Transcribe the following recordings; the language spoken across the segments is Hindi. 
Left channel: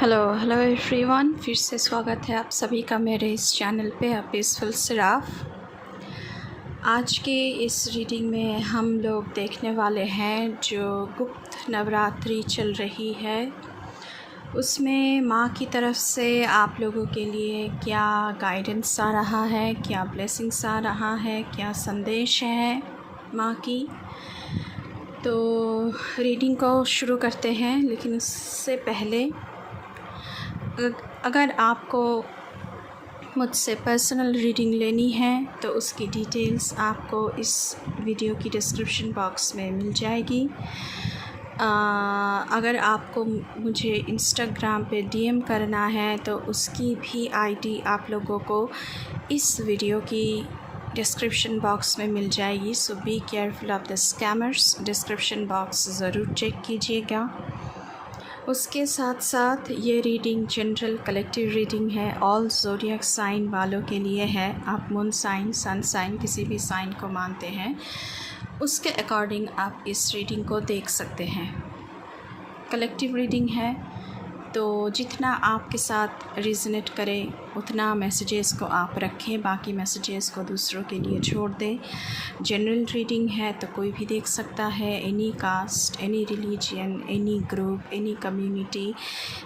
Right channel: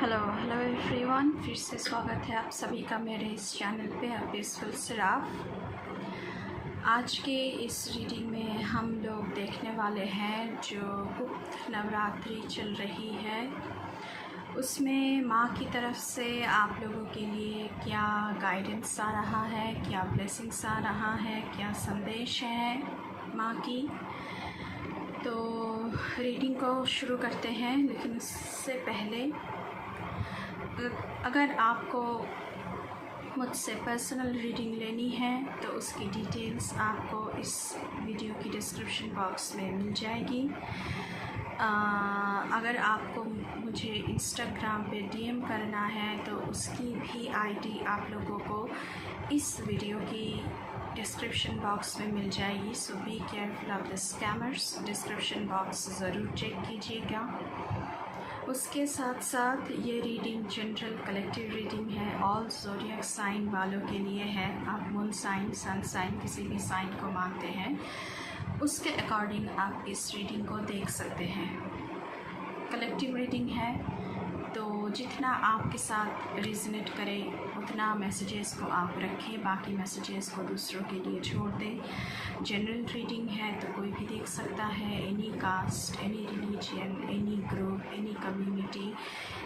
हेलो एवरीवन, फिर से स्वागत है आप सभी का मेरे इस चैनल पे पीसफुल सिराफ। आज के इस रीडिंग में हम लोग देखने वाले हैं जो गुप्त नवरात्रि चल रही है उसमें माँ की तरफ से आप लोगों के लिए क्या गाइडेंस आ रहा है, क्या ब्लेसिंग्स आ रहा है, क्या संदेश है माँ की। तो रीडिंग को शुरू करते हैं, लेकिन उससे पहले अगर आपको मुझसे पर्सनल रीडिंग लेनी है तो उसकी डिटेल्स आपको इस वीडियो की डिस्क्रिप्शन बॉक्स में मिल जाएगी। अगर आपको मुझे इंस्टाग्राम पे डीएम करना है तो उसकी भी आईडी आप लोगों को इस वीडियो की डिस्क्रिप्शन बॉक्स में मिल जाएगी। So be careful of the scammers. Description box ज़रूर चेक कीजिएगा। उसके साथ साथ ये रीडिंग जनरल कलेक्टिव रीडिंग है, ऑल ज़ोडिएक साइन वालों के लिए है। आप मून साइन, सन साइन, किसी भी साइन को मानते हैं उसके अकॉर्डिंग आप इस रीडिंग को देख सकते हैं। कलेक्टिव रीडिंग है तो जितना आपके साथ रिजनेट करे उतना मैसेजेस को आप रखें, बाकी मैसेजेस को दूसरों के लिए छोड़ दें। जनरल रीडिंग है तो कोई भी देख सकता है, any caste, any religion, any group, any community,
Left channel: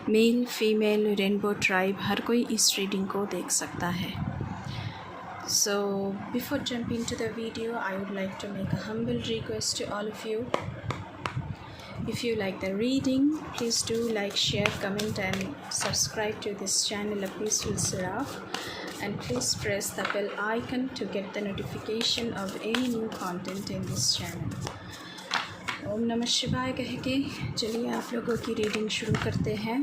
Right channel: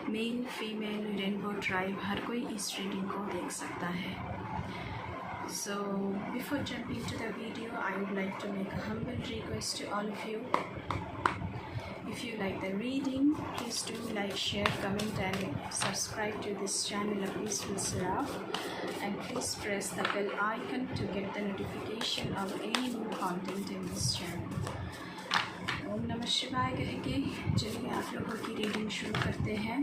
male female, rainbow tribe, हर कोई इस रीडिंग को देख सकता है। So before jumping to the video, I would like to make a humble request to all of you. If you like the reading, please do like, share, comment and subscribe to this channel of Peaceful Siraf, and please press the bell icon to get the notification of any new content in this channel. ओम नमः शिवाय कह के चलिए आप लोगों की रीडिंग शुरू करते हैं।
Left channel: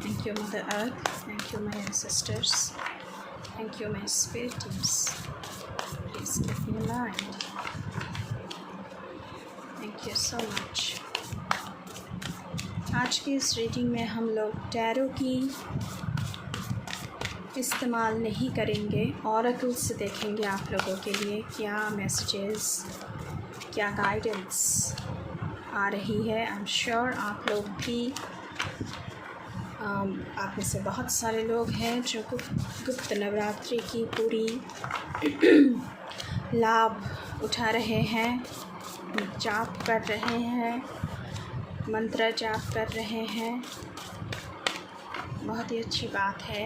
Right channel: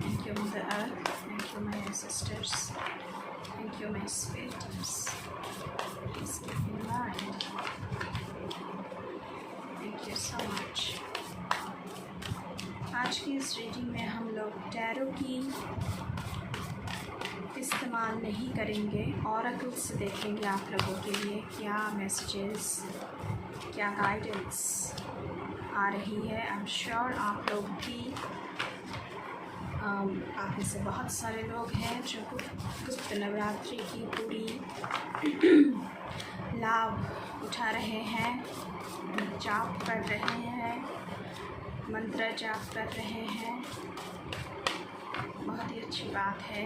Thank you Mother Earth, thank you my ancestors, thank you my spirit teams. Please keep me alive. Thank you so much. आज की इस रीडिंग में हम लोग टैरो की इस्तेमाल नहीं करेंगे, ऑरेकल से देखेंगे आप लोगों के लिए क्या मैसेजेस, क्या गाइडेंस आ रही है। आई एम श्योर आप लोग भी आप में से बहुत सारे लोग हैं जो गुप्त नवरात्रि की पूरी लाभ उठा रहे हैं, जाप कर रहे हैं, मंत्र जाप कर रहे हैं। बहुत ही अच्छी बात है।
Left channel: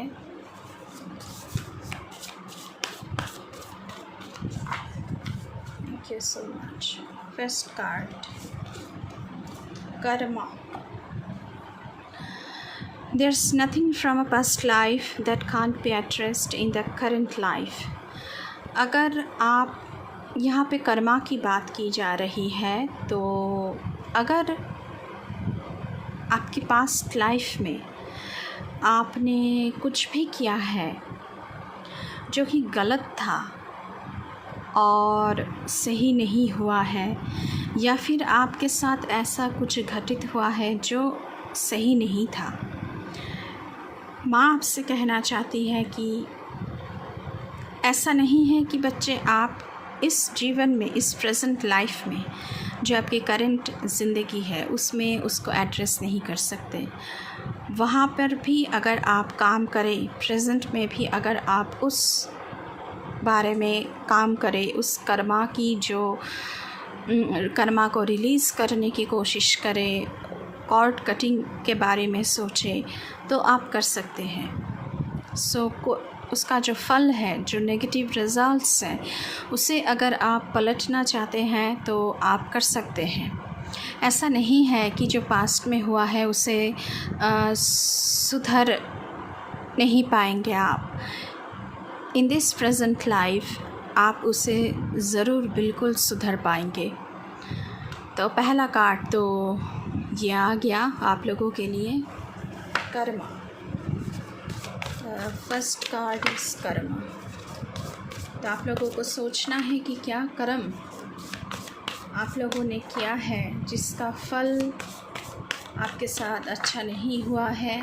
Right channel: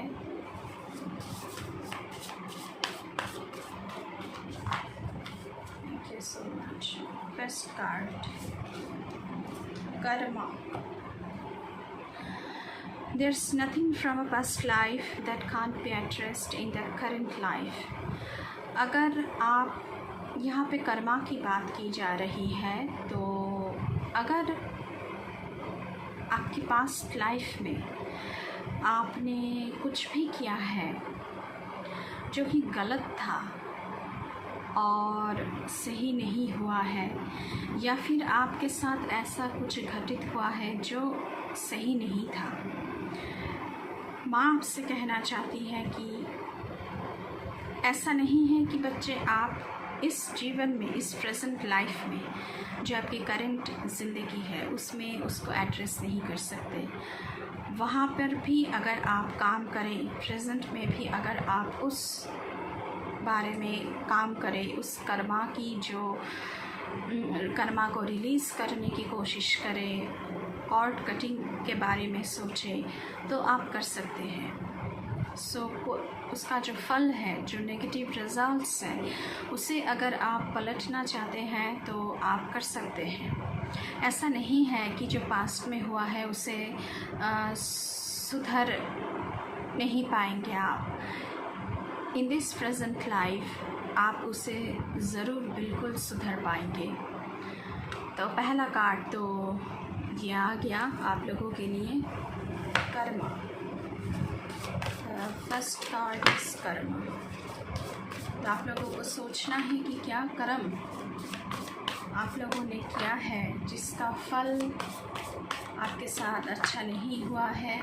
Thank you so much. First card, Karma. There's nothing from a past life that can't be addressed in the current life. अगर आप यहाँ पे कर्मा की बात की जा रही है तो अगर आपकी पास्ट लाइफ में आपने कुछ भी किया है जो कि गलत था और सही नहीं हुआ है, या फिर आपके साथ ऐसा कुछ घटित हुआ है जो सही नहीं था, माँ आपसे कहना चाहती है कि ऐसा नहीं है कि बच्चे आप इस जीवन में, इस प्रेजेंट लाइफ में जो आपकी करंट ज़िंदगी है उसमें उसको एड्रेस नहीं कर सकते। वहाँ पर भी अगर आप काम करें, प्रेजेंट में भी अगर आप उस बारे में काम करें, उस कर्मा की जो कर्मा को रिलीज़ करने की कोशिश करें, कॉर्ड कटिंग के बारे में सोचें तो आप कर सकते हैं। उसका जो फल है, जो नेगेटिव रिज़ल्ट्स हैं, उसे अगर आप पलटना चाहते हैं तो आप कर सकते हैं। ऐसा नहीं है कि जो पास्ट में हुआ है उसे सुधर नहीं पाएंगे आप। इन दिस प्रेजेंट लाइफ आप उसे ज़रूर बिल्कुल सुधर पाएंगे। तो पहला कार्ड तो ये आ गया आप लोगों के लिए, कर्मा। फर्स्ट कार्ड इस कर्मा। तो आप लोगों को सोचना है कि क्या कर्म आप लोगों ने किया है जिसका फल आपके साथ अच्छा नहीं हुआ है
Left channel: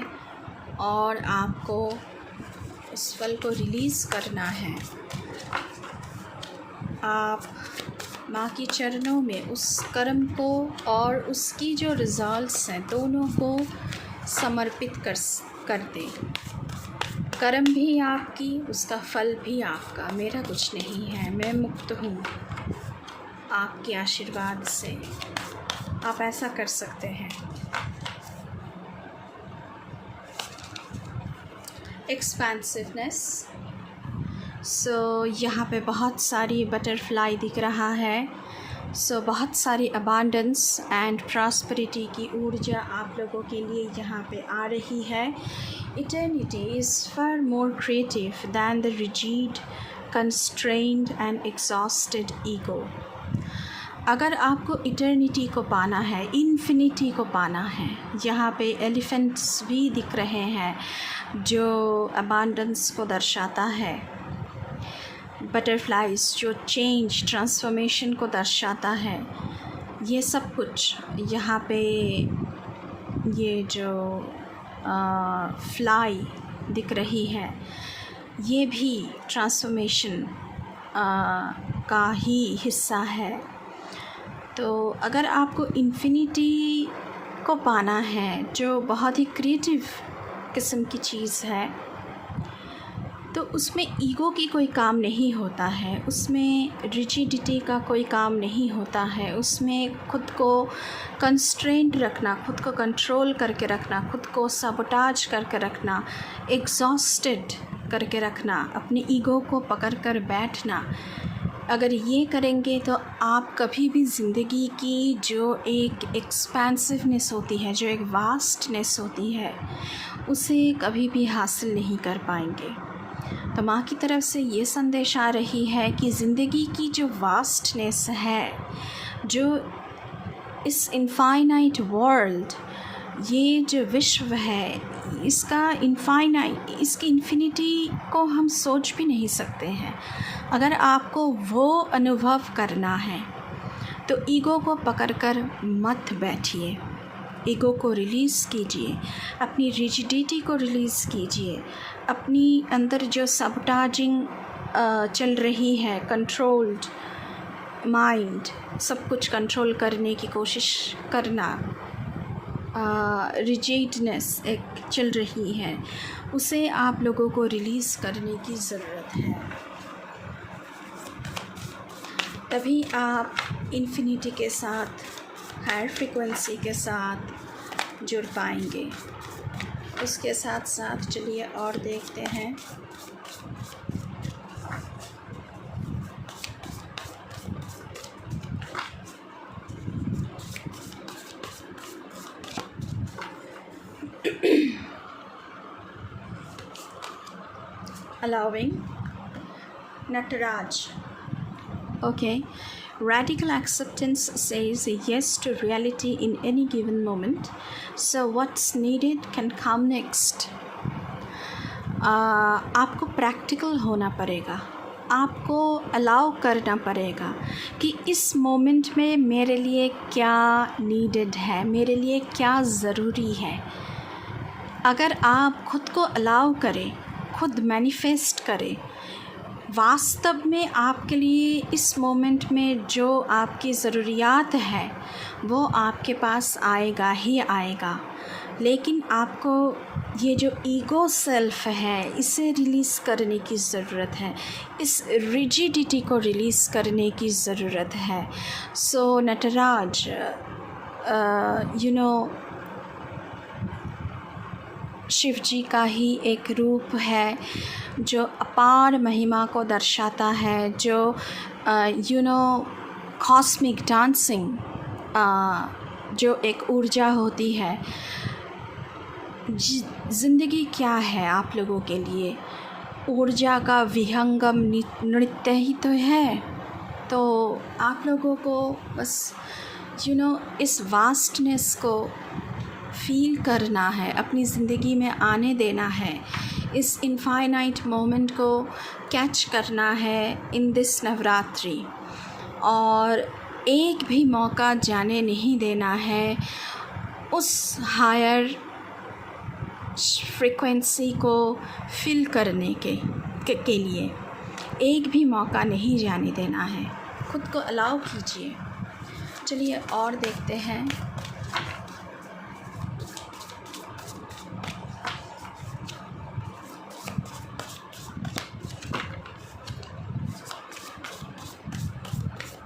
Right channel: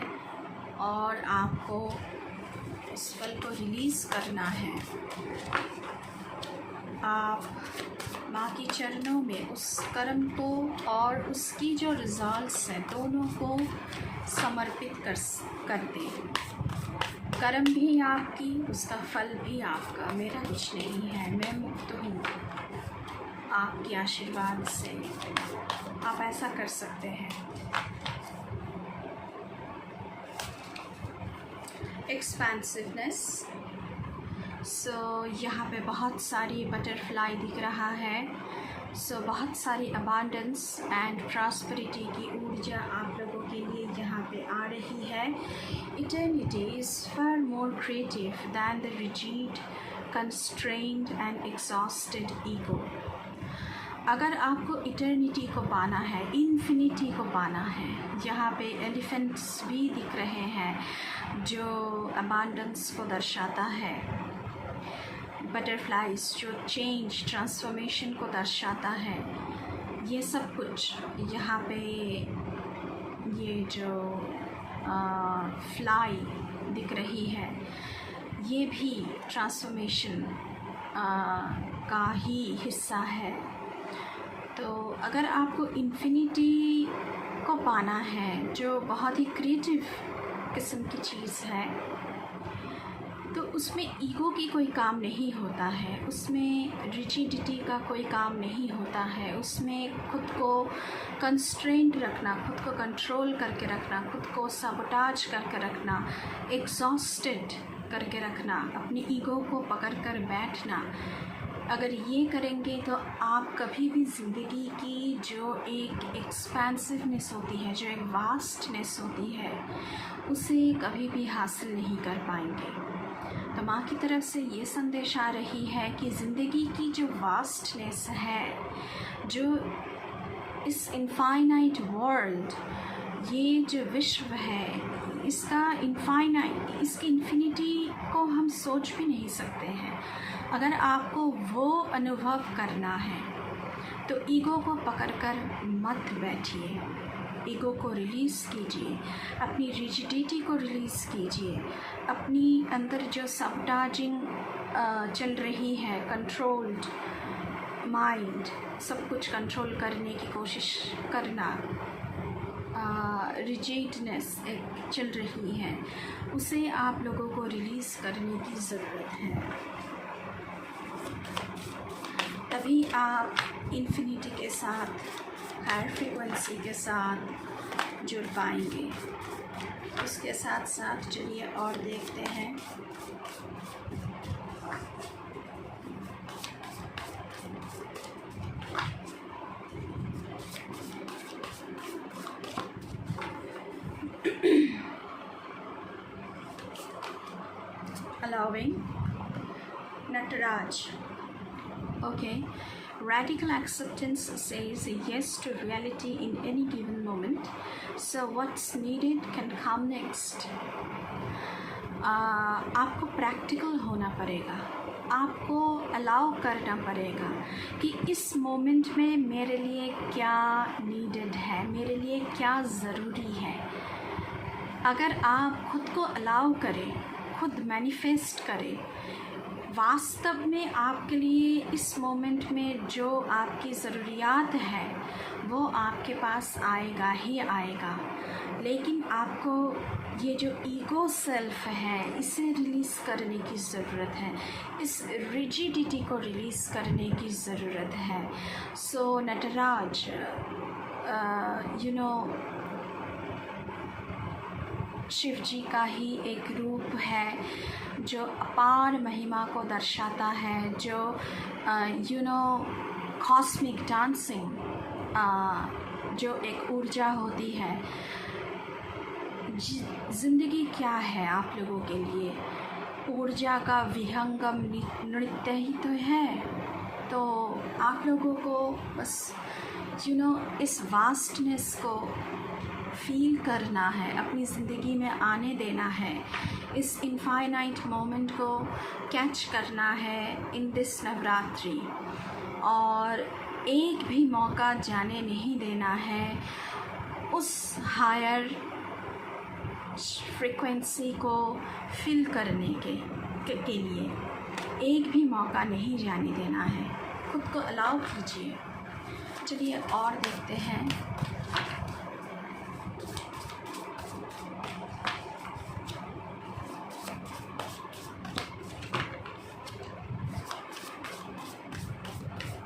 और आपको उस फल को रिलीज़ करना है। आप माँ के चरणों में उस कर्म को और उसकी जो रिज़ल्ट्स हैं दोनों को समर्पित कर दें। कर्म भी आपकी, उसका फल भी आपका, मेरा कुछ नहीं है, मैं मुक्त हूँ आपके आशीर्वाद से। आप ऐसा कर सकते हैं। एक्सपेंसिवनेस। यहाँ पे बहुत सारी बटरफ्लाई दिख रहा है। बहुत सारी अबांडेंस एंड प्रॉस्पेरिटी की ऊर्जा आप लोगों के लिए यहाँ पे आ रही है। Eternity is far more creative than the rigid, constrained and exhausted ego। अगर आपको इटर्निटी को पाना है, इन्फिनिटी को पाना है, यहाँ पे एलिफेंट्स भी दिख रहे हैं जो अबांडेंस को दर्शाता है, बटरफ्लाइज जो चेंज ट्रांसफॉर्मेशन को दर्शाता है। ये सब कुछ यहाँ पे ये जो फ्लाई दिख रही है ये भी ट्रांसफॉर्मेशन का ही हिस्सा है। तो अगर आपको इन्फिनिटी को पाना है जो बहुत ही क्रिएटिव किस्म की चीज़ है, तो उसमें ईगो की कोई काम नहीं होता है, उसमें रिजिडिटी का कोई काम नहीं होता है, उसमें खुद को कंस्ट्रेंट रखना, खुद को कंट्रोल करके रखना, खुद को सबोटाज करके रखना, एग्जॉस्टेड करके रखना, अपनी ईगो को पकड़ कर बैठना। अगर ये करेंगे तो आप कभी भी ज़िंदगी की जो एक एक्सपेंसिवनेस होती है, जो एक वास्टनेस होती है, उसे कभी भी हासिल नहीं कर पाएंगे। तो माँ की तरफ से ये संदेश आ रही है कि ज़िंदगी की जो वास्टनेस है, जो इस इनफाइनाइट वर्ल्ड, ये जो विश्व है, इसका इसकी इन्फिनिटी को हम सोच भी नहीं सकते हैं। अगर आपको वो अनुभव करना है तो ईगो को पकड़कर मत बैठिए, ईगो को रिलीज़ कीजिए, अपनी रिजिडिटी को रिलीज़ कीजिए, अपनी अंदर जो सबटाजिंग चल रही है, कंट्रोल्ड माइंड, सब कुछ कंट्रोल करने की कोशिश करना, रिजिडनेस एक चल रही है, उसे आप लोगों को रिलीज़ करने की ज़रूरत है। तभी आप इन्फिनिटी के साथ, हायर फ्रीक्वेंसी के साथ जुड़ पाएंगे। उसके साथ साथ चलिए और देखते हैं। Allowing Nataraj. Okay, radical acceptance says yes to reality in any given moment, so what's needed can come next। आपको प्रैक्टिकल होना पड़ेगा, आपको अलाउ करना पड़ेगा कि इस मोमेंट में मेरे लिए क्या नीडेड है, मेरे लिए क्या ज़रूरी है। अगर आप खुद को अलाउ करें, खुद मैनिफेस्ट करें, वास्तव में आपके लिए इस मोमेंट में जो आपकी ज़रूरियात है वो आपके पास आएगा ही आएगा। लेकिन आपको ये जो ईगो सेल्फ है, इसे रिलीज़ करने की ज़रूरत है, इस रिजिडिटी को रिलीज़ करने की ज़रूरत है। सो नटराज शिव जी का ही एक रूप है जो अपार महिमा को दर्शाता है, जो कॉस्मिक डांसिंग जो एक ऊर्जा होती है। ज़िंदगी क्या है आप लोगों के लिए? ऊर्जा का विहंगम नृत्य ही तो है। तो आप लोगों को बस इस वास्टनेस को फील करना है, अपनी ज़िंदगी में आने देना है, इस इनफाइनाइट मोमेंट को कैच करना है इन दिस नवरात्रि, और एक भी मौका जाने नहीं देना है उस हायर फ्रीक्वेंसी को फिल करने के लिए। एक भी मौका नहीं जाने देना है। खुद को अलाउ कीजिए। चलिए और देखते हैं।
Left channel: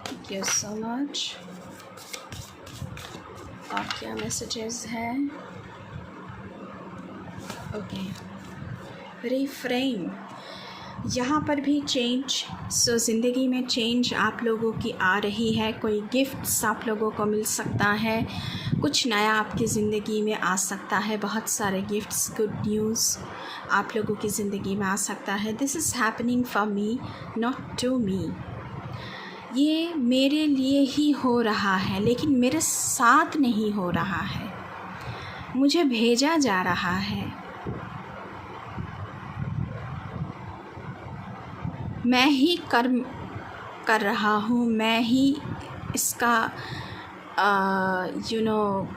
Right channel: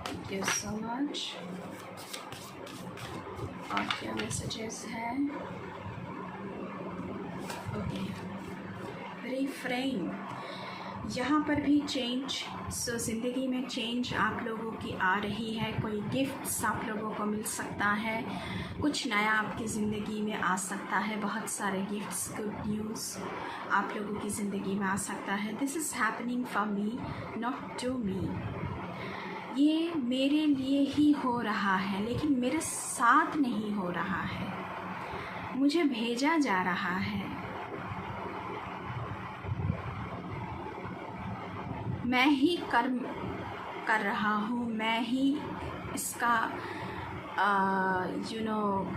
Thank you so much. और क्या मैसेजेस हैं? ओके, रिफ्रेम, यहाँ पर भी चेंज। सो ज़िंदगी में चेंज आप लोगों की आ रही है। कोई गिफ्ट्स आप लोगों को मिल सकता है, कुछ नया आपकी ज़िंदगी में आ सकता है। बहुत सारे गिफ्ट्स, गुड न्यूज़ आप लोगों की ज़िंदगी में आ सकता है। This is happening for me, not to me. ये मेरे लिए ही हो रहा है, लेकिन मेरे साथ नहीं हो रहा है, मुझे भेजा जा रहा है। मैं ही कर्म कर रहा हूँ, मैं ही इसका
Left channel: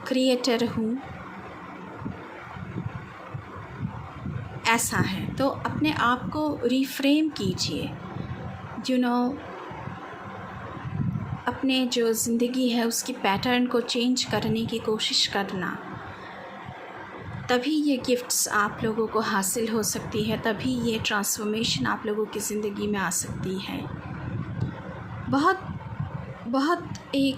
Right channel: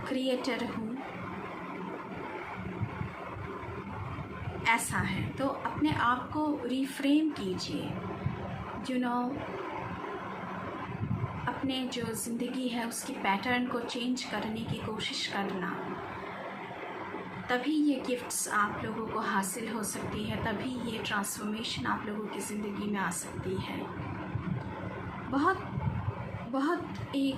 क्रिएटर हूँ। ऐसा है तो अपने आप को रिफ्रेम कीजिए। अपने जो ज़िंदगी है उसकी पैटर्न को चेंज करने की कोशिश करना, तभी ये गिफ्ट्स आप लोगों को हासिल हो सकती है, तभी ये ट्रांसफॉर्मेशन आप लोगों की ज़िंदगी में आ सकती है। बहुत एक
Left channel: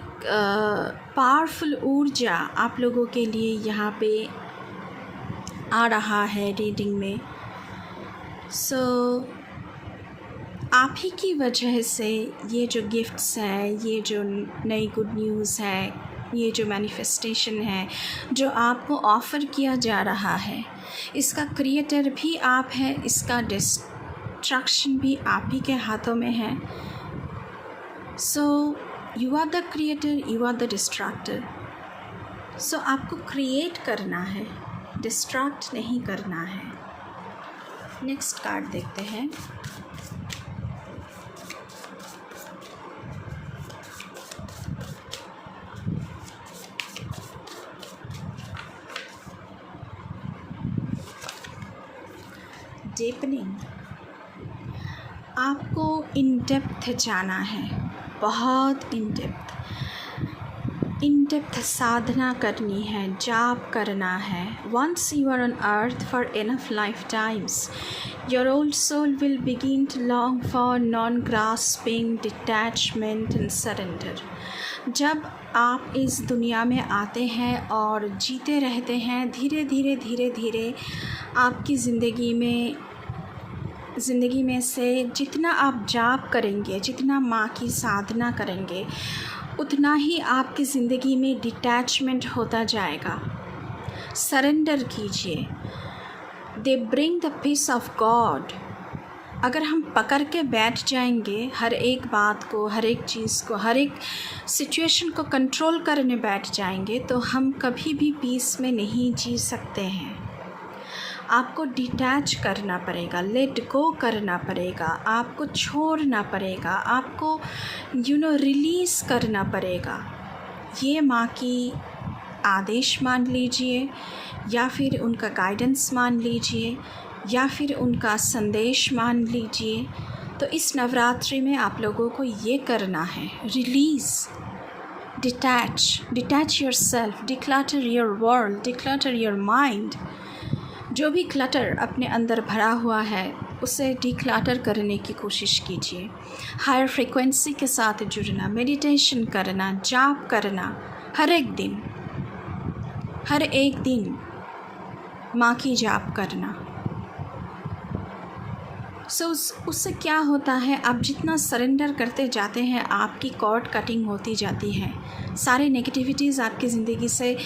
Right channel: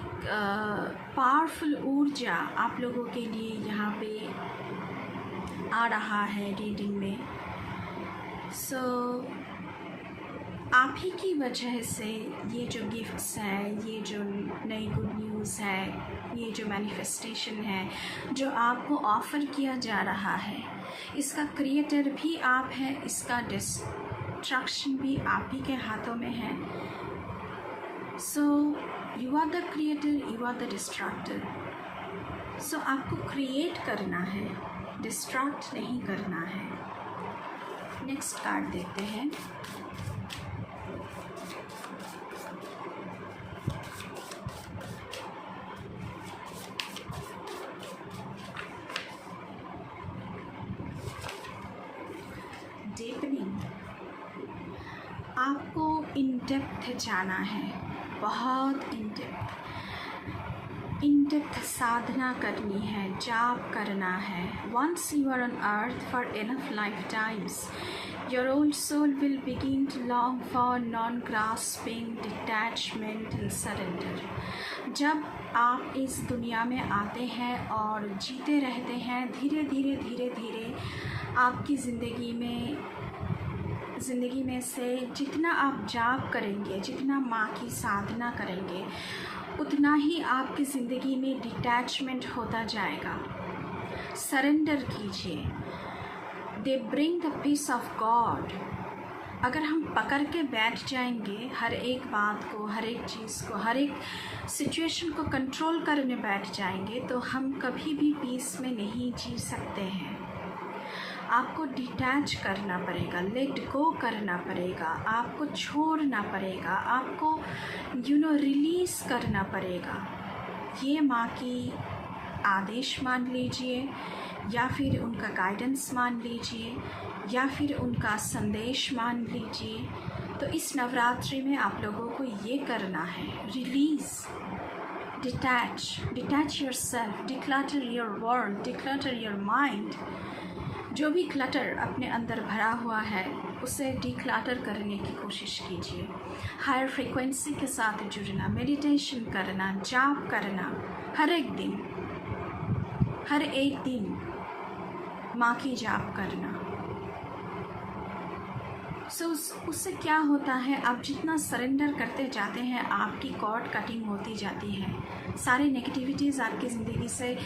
पावरफुल ऊर्जा आप लोगों के लिए यहाँ पे आ रहा है रीडिंग में। सो आप ही की वजह से ये जो गिफ्ट्स हैं, ये जो नई गुड न्यूज़ है, ये जो मैनिफेस्टेशन है जो आपको ऑफ़र किया जा रहा है, इसका क्रिएटर भी आप हैं, इसका डिस्ट्रक्शन भी आप ही के हाथों में है। So you are the creator, you are the destructor. So आपको क्रिएट करना है, डिस्ट्रैक्ट नहीं करना है। नेक्स्ट कार्ड देखते हैं। डीपनिंग, आपको इन डेप्थ जाना है, बहुत इन डेप्थ साधना करनी है, जाप करना है। Once you are on earth for enough life times, your old soul will begin to long for non grasping, detachment and surrender. जब आप इस दुनिया में आते हैं और जीते रहते हैं, धीरे धीरे आपकी ज़िंदगी में से जितना आप जाप करेंगे, जितना माँ की साधना करेंगे, उतना ही आपकी ज़िंदगी में डिटैचमेंट होता जाएगा। सरेंडर कीजिए। They bring the peace of God. अगर हम पकड़ के बैठ जाएंगे हर एक बात को, हर एक चीज़ को, हर एक सिचुएशन को कंट्रोल करने बैठ जाएंगे, तो हम कभी भी पीस में नहीं जी सकते हैं। आपको डिटैच करना पड़ेगा, लेट गो करना पड़ेगा, आपको छोड़ना पड़ेगा, आपको रिलीज़ करना पड़ेगा। ये माँ की आदेश मान लीजिए, या फिर उनका गाइडेंस मान लीजिए, या फिर उनका संदेश मान लीजिए। तो इस नवरात्रि में आप लोगों को ये करना है, release, detach your self, declutter your world, declutter your mind. जो भी क्लटर अपने अंदर भरा हुआ है उसे डिक्लटर करने की कोशिश कीजिए। हायर फ्रीक्वेंसी के साथ जुड़ना, मेडिटेशन करना, जाप करना, हर एक दिन माँ की जाप करना। उससे क्या होता है, आप जितना सरेंडर करते जाते हैं आपकी कॉर्ड कटिंग होती जाती है। सारे नेगेटिविटीज़ आपकी ज़िंदगी से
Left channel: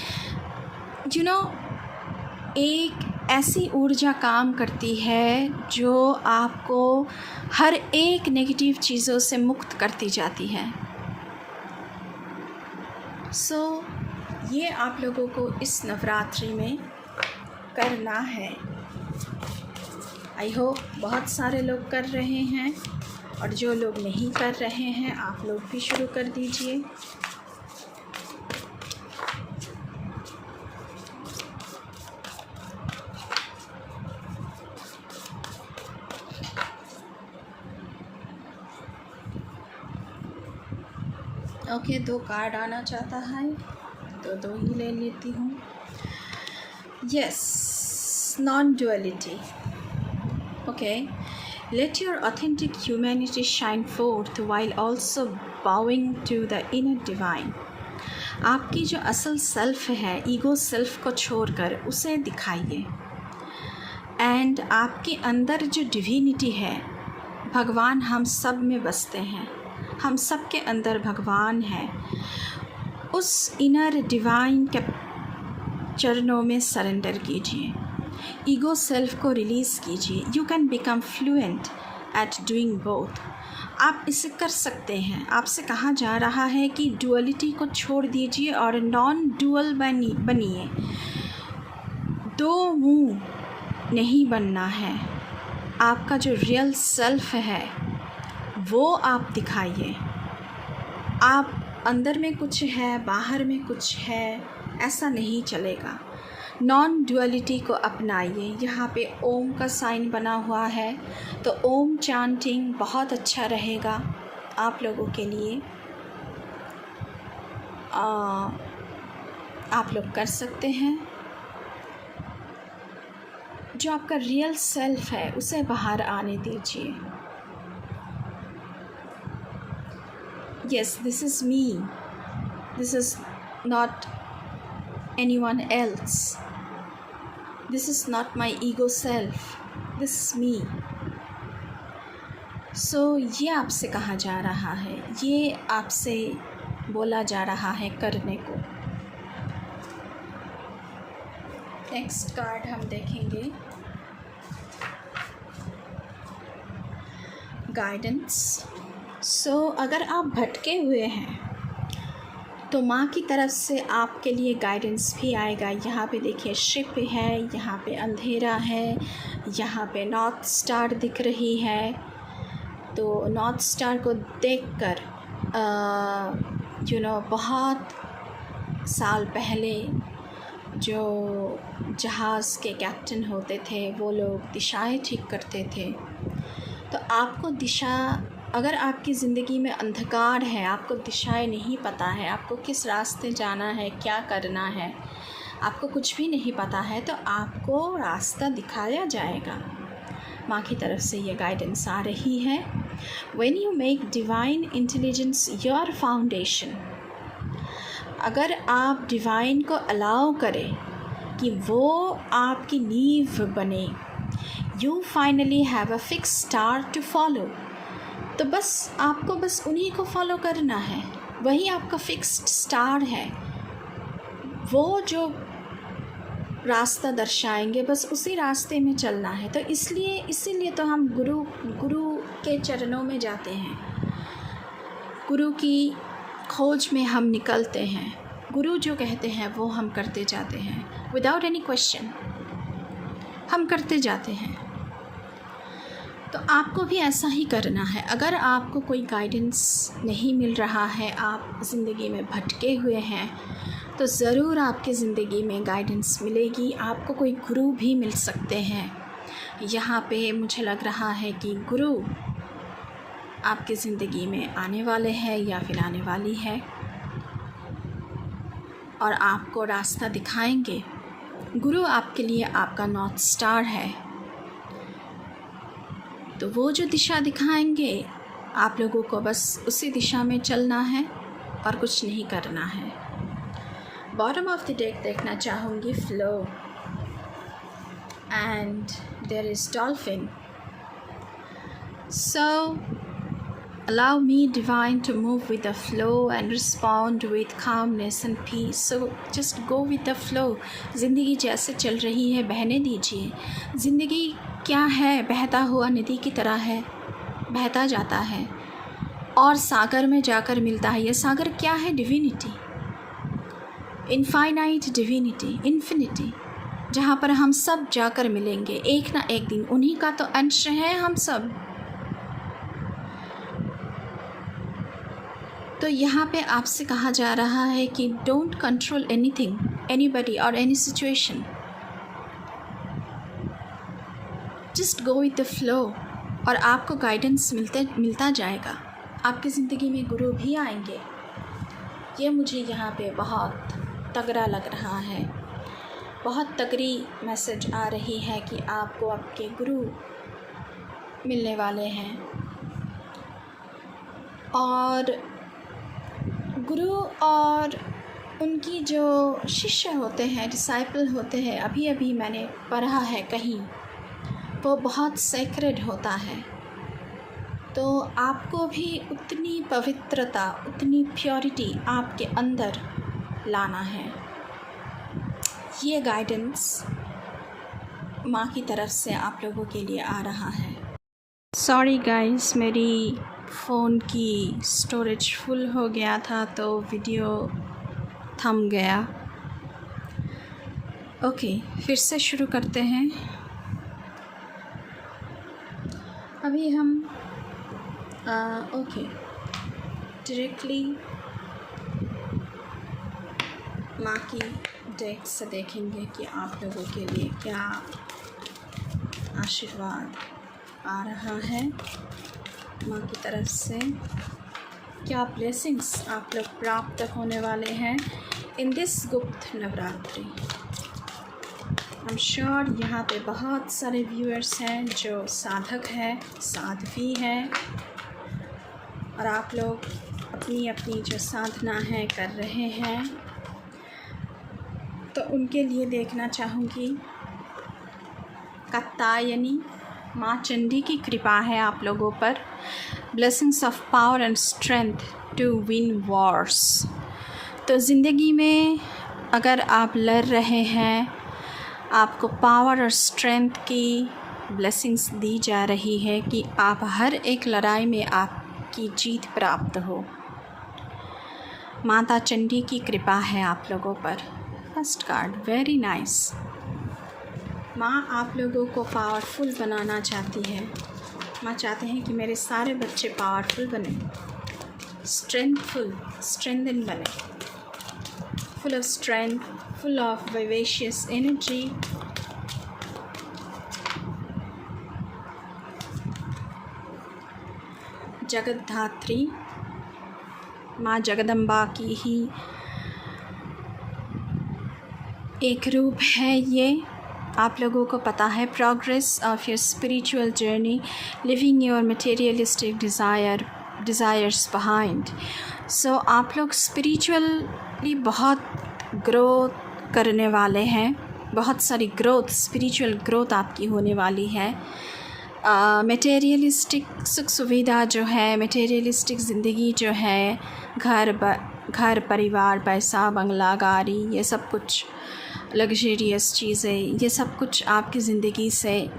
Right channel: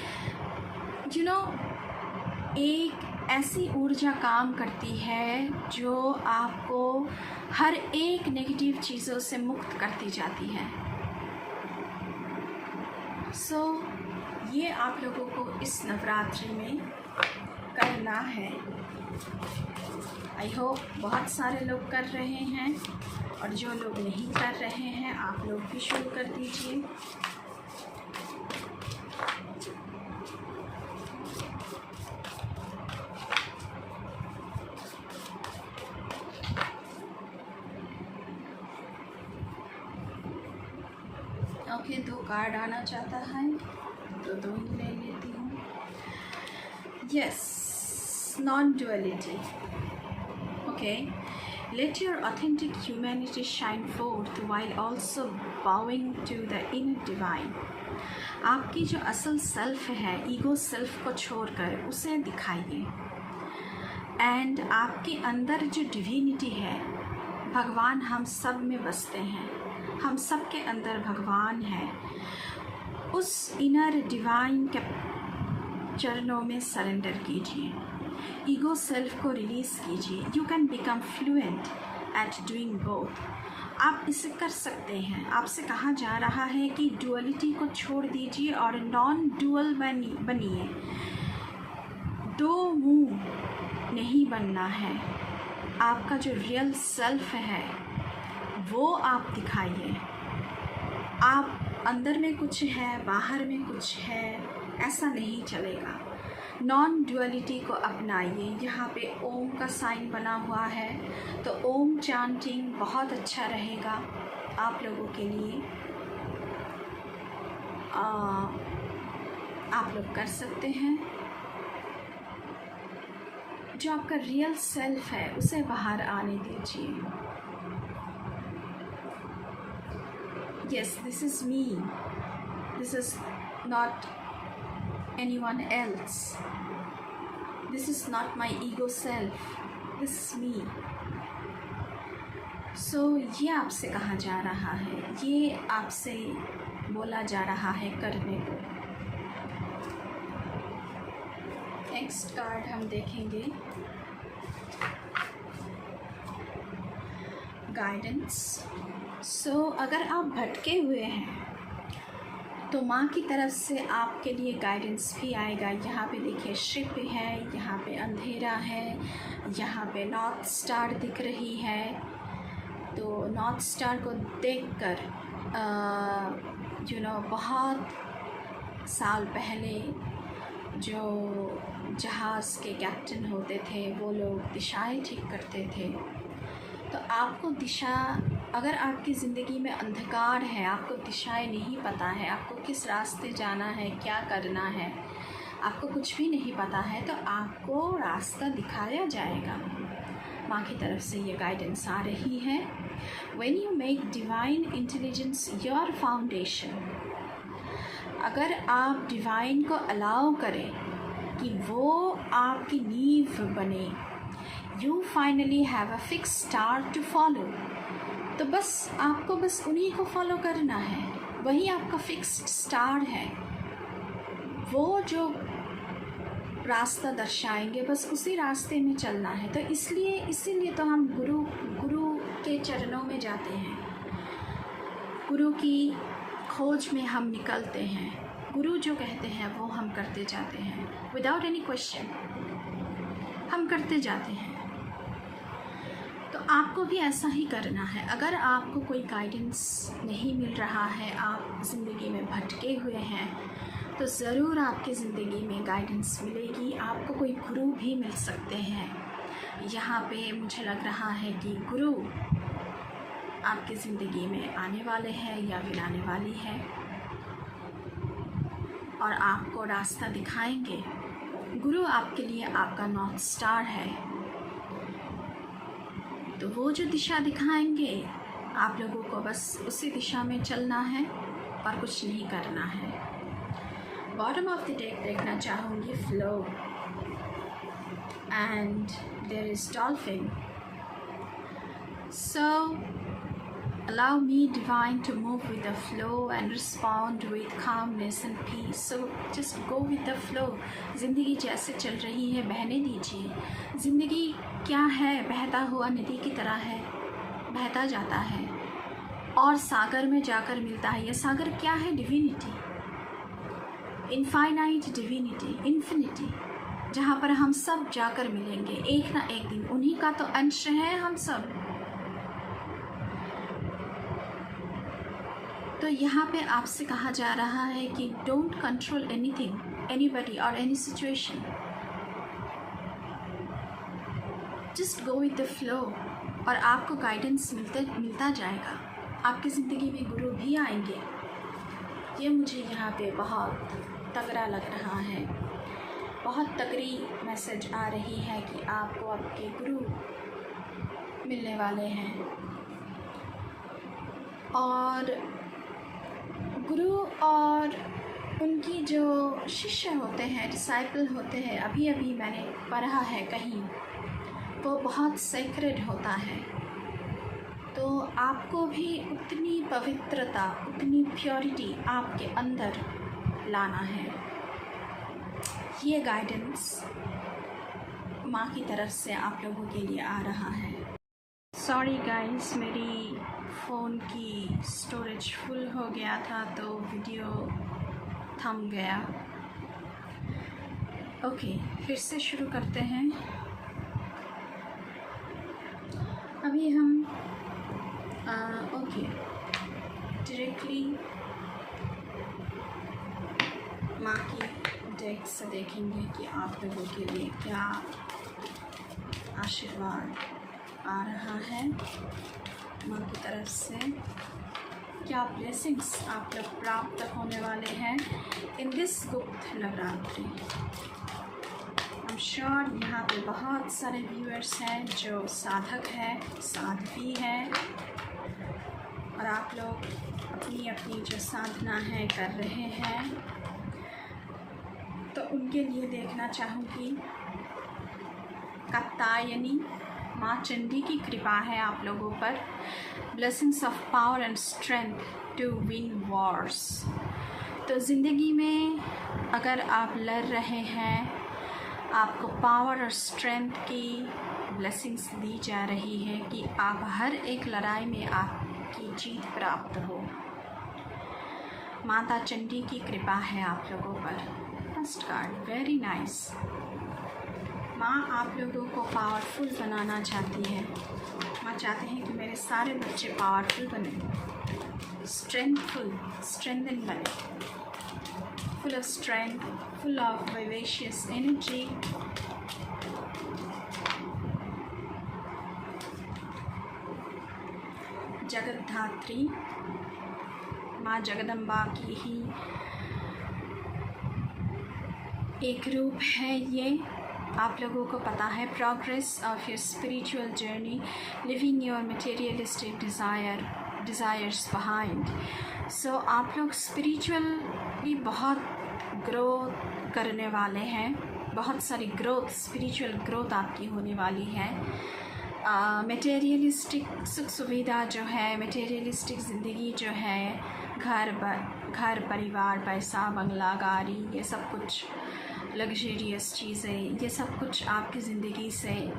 एक ऐसी ऊर्जा काम करती है जो आपको हर एक नेगेटिव चीज़ों से मुक्त करती जाती है। ये आप लोगों को इस नवरात्रि में करना है। आई होप बहुत सारे लोग कर रहे हैं, और जो लोग नहीं कर रहे हैं आप लोग भी शुरू कर दीजिए। ओके, 2 कार्ड आना चाहता है तो 2 ही ले लेती हूँ। Yes, non duality. Okay, let your authentic humanity shine forth while also bowing to the inner divine. आपकी जो असल सेल्फ है, ईगो सेल्फ को छोड़कर उसे दिखाइए। एंड आपके अंदर जो डिविनिटी है, भगवान हम सब में बसते हैं, हम सब के अंदर भगवान है। उस इनर डिवाइन के चरणों में सरेंडर कीजिए, ईगो सेल्फ को रिलीज़ कीजिए। You can become fluent at doing both. आप इसे कर सकते हैं। आपसे कहा जा रहा है कि डुअलिटी को छोड़ दीजिए और नॉन डुअल बनिए। 2 मुंह नहीं बनना है। आपका जो रियल सेल्फ है वो आप दिखाइए। आप अंदर में कुछ है, बाहर में कुछ है, ऐसा नहीं चलेगा। नॉन डुअलिटी को अपनाइए। यहाँ पे ओम का साइन बना हुआ है, तो ओम चांटिंग बहुत अच्छा रहेगा आप लोगों के लिए। आप लोग कर सकते हैं। जो आपका रियल सेल्फ है उसे बाहर आने दीजिए। Yes, this is me, this is not anyone else, this is not my ego self, this is me। so ये आपसे कहा जा रहा है, ये आपसे बोला जा रहा है करने को। नेक्स्ट कार्ड हम देखेंगे, गाइडेंस। सो अगर आप भटके हुए हैं तो माँ की तरफ से आपके लिए गाइडेंस भी आएगा। यहाँ पे देखिए शिप है, यहाँ पे अंधेरा है, यहाँ पे नॉर्थ स्टार दिख रही है। तो नॉर्थ स्टार को देखकर बहुत साल पहले जो जहाज़ के कैप्टन होते थे वो लोग दिशाएं ठीक करते थे। तो आपको दिशा, अगर आपकी ज़िंदगी में अंधकार है, आपको दिशाएं नहीं पता है, आपको किस रास्ते जाना है, क्या करना है, आपको कुछ भी नहीं पता है, तो आपको रास्ता दिखाया जाएगा। माँ की तरफ से ये गाइडेंस आ रही है। When you make divine intelligence your foundation, अगर आप डिवाइन को अलाउ करें कि वो आपकी नींव बने, you finally have a fixed star to follow। तो बस आपको बस उन्हीं को फॉलो करना है, वही आपका फिक्स्ड स्टार है। वो जो रास्ता दर्शाएंगे बस उसी रास्ते में चलना है। तो इसीलिए तो हम गुरु के चरणों में जाते हैं, गुरु की खोज में हम निकलते हैं। गुरु जो कहते हैं वो हम करते जाते हैं, विदाउट एनी क्वेश्चन हम करते जाते हैं। तो आपको भी ऐसा ही करना है। अगर आपको कोई गाइडेंस नहीं मिल रहा है, आप ज़िंदगी में भटके हुए हैं, तो ज़रूर आपकी ज़िंदगी में गाइडेंस मिलेगी। आपको कोई गुरु भी मिल सकते हैं। यहाँ पे मुझे लग रहा है कि गुरु आपकी ज़िंदगी में आने वाले हैं या फिर आने वाली है और आपको रास्ता दिखाएंगे। गुरु आपके लिए आपका नॉर्थ स्टार है, तो वो जो दिशा दिखाएंगे आप लोगों को बस उसी दिशा में चलना है और कुछ नहीं करना है। बॉटम ऑफ द डेक देखना चाहूँगी, flow, and there is dolphin. So allow me divine to move with the flow and respond with calmness and peace। so just go with the flow। ज़िंदगी जैसे चल रही है बहने दीजिए। ज़िंदगी क्या है, बहता हुआ नदी की तरह है, बहता जाता है और सागर में जाकर मिलता है। यह सागर क्या है? डिविनिटी, इनफाइनाइट डिविनिटी, इन्फिनिटी, जहाँ पर हम सब जाकर मिलेंगे एक ना एक दिन। उन्हीं का तो अंश है हम सब। तो यहाँ पे आपसे कहा जा रहा है कि डोंट कंट्रोल एनीथिंग, एनीबडी और any situation, just go with the flow और आपको गाइडेंस मिलता जाएगा। आपकी ज़िंदगी में गुरु भी आएंगे ये मुझे यहाँ पे बहुत तगड़ा लग रहा है, बहुत तगड़ी मैसेज आ रही है कि आपको आपके गुरु मिलने वाले हैं। और गुरु और उनकी जो शिष्य होते हैं, डिसाइपल होते हैं, अभी अभी मैंने पढ़ा है कहीं, वो बहुत सेक्रेड होता है। तो आपको भी उतनी पवित्रता, उतनी प्योरिटी आपके अंदर लाना है। ये गाइडेंस माँ की तरफ से आप लोगों के लिए आ रहा है। सॉरी गाइस, मेरी फ़ोन की स्टोरेज फुल हो गया था तो वीडियो थम गया। ओके, फिर से शुरू करते हैं। अभी हम ओके डायरेक्टली माँ की डेक से देखेंगे कि आप लोगों के लिए क्या आशीर्वाद आ रहा है माँ की तरफ से, क्या ब्लेसिंग्स आप लोग प्राप्त होने वाले हैं इन दिस गुप्त नवरात्रि। आई एम श्योर यहाँ पे बहुत सारे व्यूअर्स हैं जो साधक हैं, साध्वी हैं, और आप लोग अपनी अपनी जो साधना है कर रहे हैं। तो उनके लिए देखना चाहूँगी कात्यायनी माँ चंडी की कृपा है आप लोगों पर। Blessings of power and strength to win wars. तो ज़िंदगी में अगर आप लड़ रहे हैं, आपको पावर और स्ट्रेंथ की ब्लेसिंग्स दी जा रही है कि आप हर एक लड़ाई में आपकी जीत प्राप्त हो। माता चंडी की कृपा है आप लोगों पर। First card, very nice. माँ आप लोगों को पावरफुल बनाना चाहती है। माँ चाहते हैं कि मेरे सारे बच्चे पावरफुल बने, स्ट्रेंथन बने, full of strength, full of vivacious energy. Jagatdhatri माँ जगदम्बा की ही एक रूप है ये। आप लोगों को पता है, progress of your spiritual journey, living your materialistic desires behind. So आप लोग स्पिरिचुअली बहुत ग्रोथ करने वाले हैं, बहुत सारी ग्रोथ, स्पिरिचुअल ग्रोथ आपकी होने वाली है। मटेरियलिस्टिक सुख सुविधा जो है, मटेरियलिस्टिक ज़िंदगी जो है, घर परिवार, पैसा, बंगला, गाड़ी, ये सब कुछ लग्जरियस चीज़ें, ये सब कुछ आपकी ज़िंदगी से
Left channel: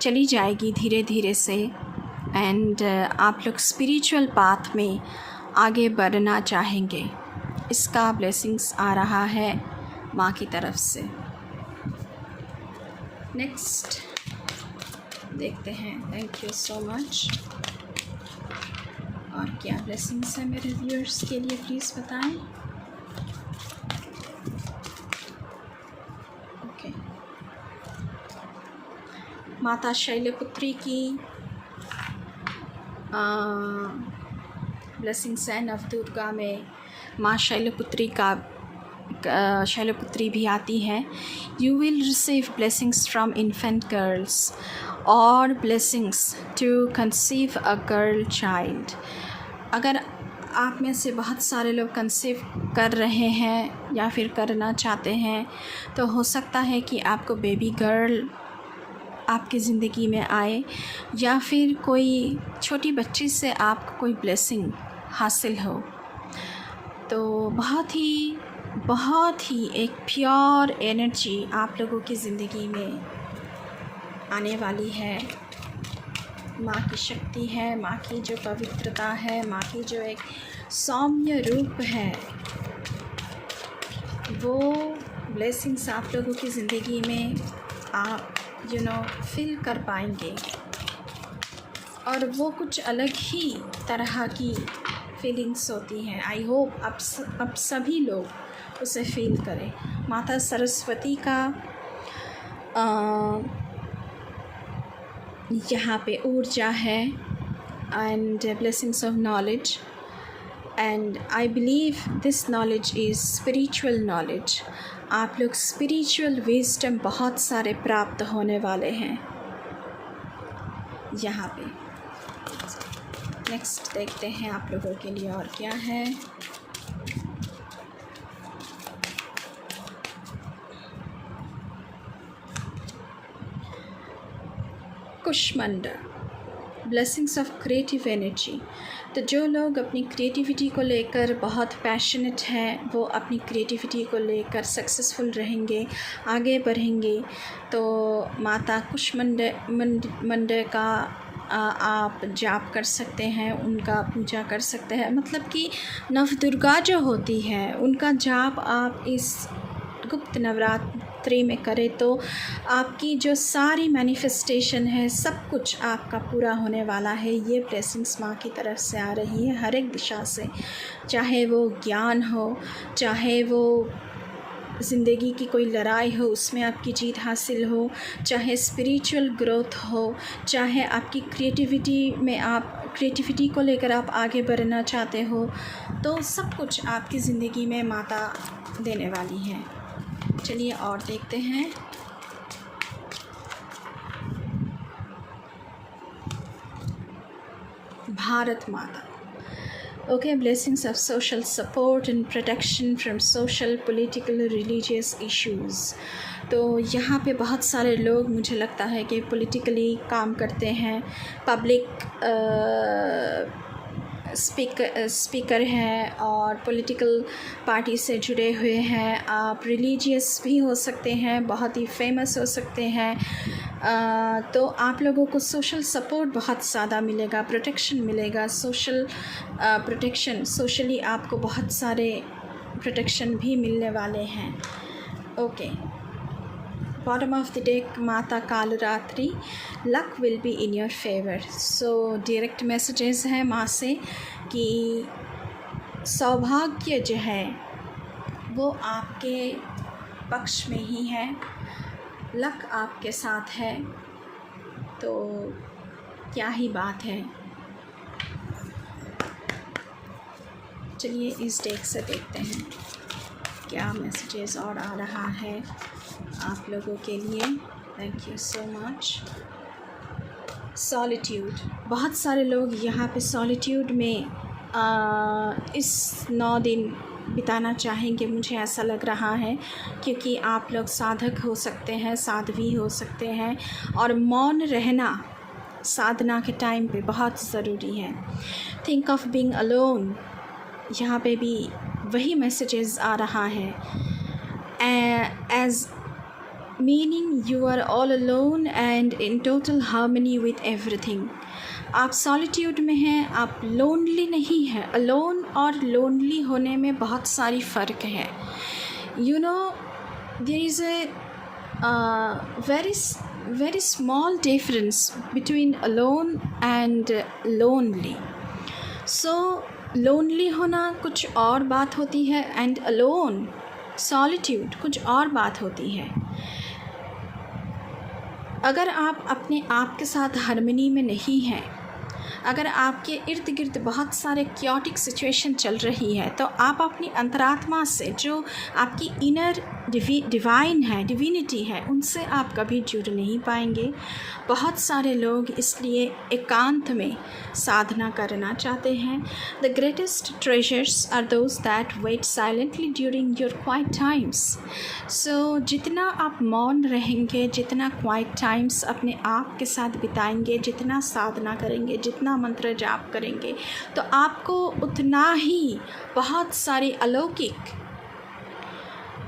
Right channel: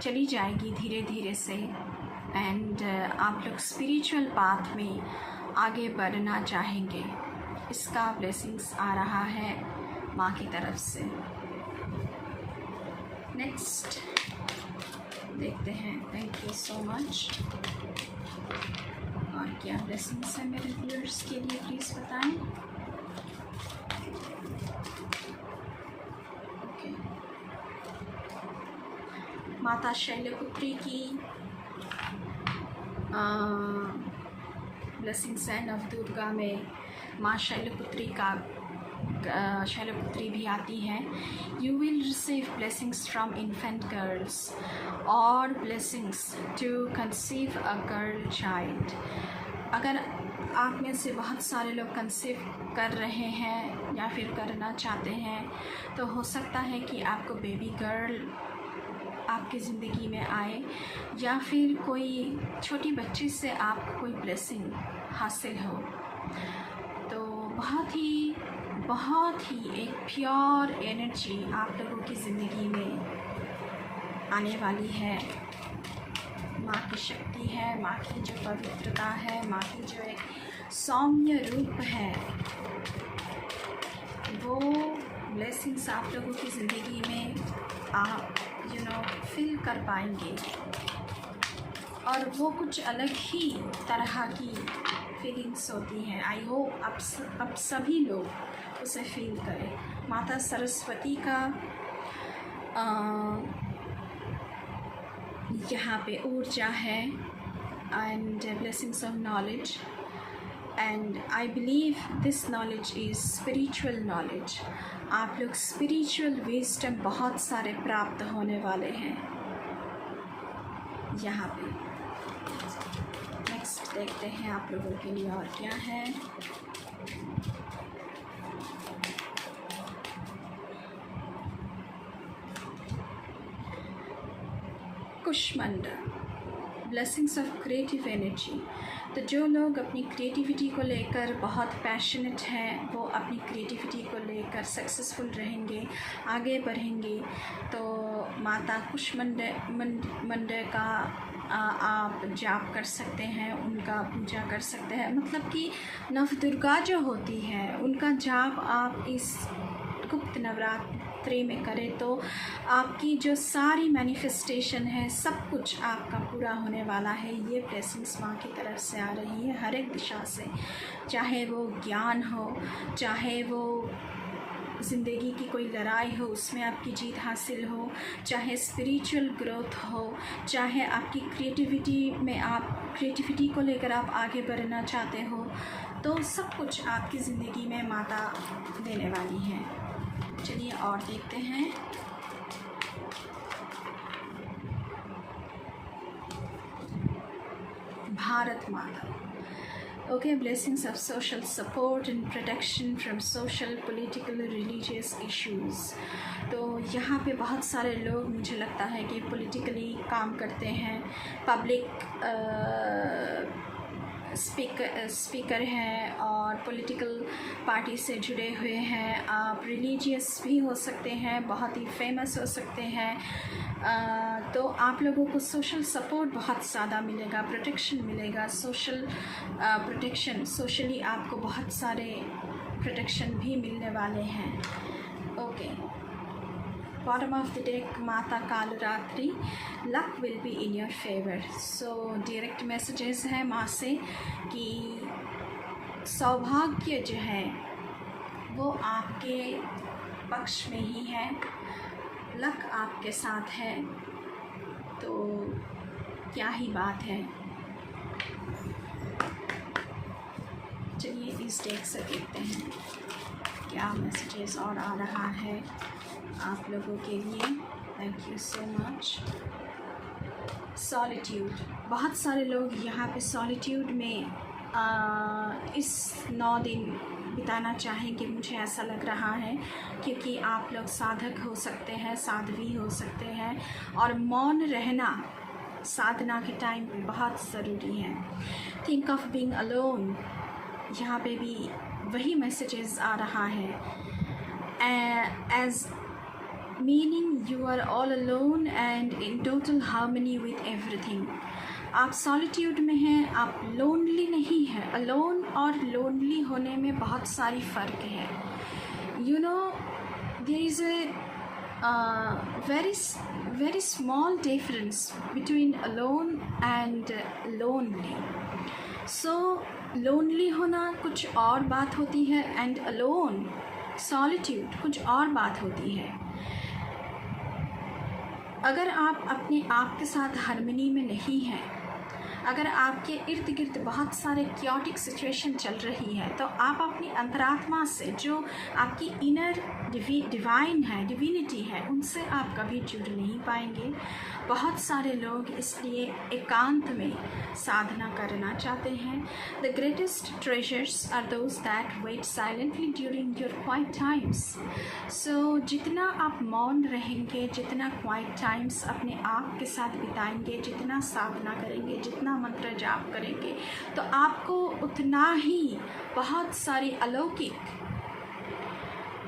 चली जाएगी धीरे धीरे से। एंड आप लोग स्पिरिचुअल पाथ में आगे बढ़ना चाहेंगे, इसका ब्लेसिंग्स आ रहा है माँ की तरफ से। नेक्स्ट देखते हैं। Thank you so much. और क्या ब्लेसिंग्स है मेरे व्यूअर्स के लिए, प्लीज़ बताएं। ओके, माता शैलपुत्री की ब्लेसिंग्स है। नवदुर्गा में माँ शैलपुत्री भी आती हैं। You will receive blessings from infant girls और blessings to conceive a girl child. अगर आप में से बहुत सारे लोग कंसीव कर रहे हैं या फिर करना चाहते हैं, तो हो सकता है कि आपको बेबी गर्ल आपकी ज़िंदगी में आए, या फिर कोई छोटी बच्ची से आपको कोई ब्लेसिंग हासिल हो। तो बहुत ही एक प्योर एनर्जी आप लोगों की ज़िंदगी में आने वाली है। माँ की शक्ति है, माँ की जो पवित्रता है, माँ की जो एक सौम्य रूप है, वो ब्लेसिंग्स आप लोगों की ज़िंदगी में आप फील कर पाएंगे। और वो कुछ अलग ही तरह की फीलिंग्स होती हैं। आई होप अब सभी लोग उसे फील करें। माता सरस्वती का यहाँ पे ऊर्जा है and blessings of knowledge. And I believe this knowledge is spiritual knowledge. आप लोग स्पिरिचुअल विजडम बहुत सारे प्राप्त होने वाले हैं यहाँ पे। नेक्स्ट देखते हैं आप लोगों के लिए और क्या है। Kushmanda, blessings of creative energy. तो जो लोग अपनी क्रिएटिविटी को लेकर बहुत पैशनेट हैं, वो अपनी क्रिएटिविटी को लेकर सक्सेसफुल रहेंगे, आगे बढ़ेंगे। तो माता कुष्मंडा का आप जाप कर सकते हैं, उनका पूजा कर सकते हैं। मतलब कि नवदुर्गा जो होती है उनका जाप आप इस गुप्त नवरात्रि में करें तो आपकी जो सारी मैनिफेस्टेशन है सब कुछ आपका पूरा होने वाला है। ये ब्लेसिंग्स माँ की तरफ से आ रही है हर एक दिशा से, चाहे वो ज्ञान हो, चाहे वो ज़िंदगी की कोई लड़ाई हो उसमें आपकी जीत हासिल हो, चाहे स्पिरिचुअल ग्रोथ हो, चाहे आपकी क्रिएटिविटी को लेकर आप आगे बढ़ना चाहते हो, तो सब कुछ आपकी ज़िंदगी में माता देने वाली है। चलिए और देखते हैं। भारत माता। Okay, blessings of social support and protection from social, political, religious issues। तो यहाँ पे बहुत सारे लोग मुझे लगता है कि पॉलिटिकली काम करते हैं, पब्लिक स्पीकर हैं और पॉलिटिकल पार्टी से जुड़े हुए हैं। आप रिलीजियस भी हो सकते हैं, बहुत ही फेमस हो सकते हैं। तो आप लोगों को सोशल सपोर्ट बहुत ज़्यादा मिलेगा, प्रोटेक्शन मिलेगा, सोशल प्रोटेक्शन, सोशली आपको बहुत सारे प्रोटेक्शन भी मिलने वाले हैं। Okay, bottom of the deck Mata Kalratri, luck will be in your favour. So direct messages हैं माँ से कि सौभाग्य जो है वो आपके पक्ष में ही है, लक आपके साथ है, तो क्या ही बात है। चलिए इस डेक से देखते हैं क्या मैसेजेस और आ रहा है आप लोगों के लिए। Thank you so much. Solitude, बहुत सारे लोग यहाँ पे सॉलिट्यूड में इस 9 दिन बिताना चाहेंगे, मुझे ऐसा लग रहा है, क्योंकि आप लोग साधक हो सकते हैं, साध्वी हो सकते हैं, और मौन रहना साधना के टाइम पे बहुत ज़रूरी है। थिंक ऑफ बीइंग अलोन, यहाँ पे भी वही मैसेजेस आ रहा है। As meaning you are all alone and in total harmony with everything. आप सॉलिट्यूड में हैं, आप लोनली नहीं हैं। अलोन और लोनली होने में बहुत सारी फ़र्क है। You know there is a very small difference between alone and lonely. So lonely होना कुछ और बात होती है एंड अलोन सॉलिट्यूड कुछ और बात होती है। अगर आप अपने आप के साथ हार्मनी में नहीं हैं, अगर आपके इर्द गिर्द बहुत सारे क्योटिक सिचुएशन चल रही है, तो आप अपनी अंतरात्मा से, जो आपकी इनर डिवाइन है, डिविनिटी है, उनसे आप कभी जुड़ नहीं पाएंगे। बहुत सारे लोग इसलिए एकांत में साधना करना चाहते हैं। The greatest treasures are those that wait silently during your quiet times. So जितना आप मौन रहेंगे, जितना क्वाइट टाइम्स अपने आप के साथ बिताएंगे, जितना साधना करेंगे, जितना मंत्र जाप करेंगे, तो आपको उतना ही बहुत सारी अलौकिक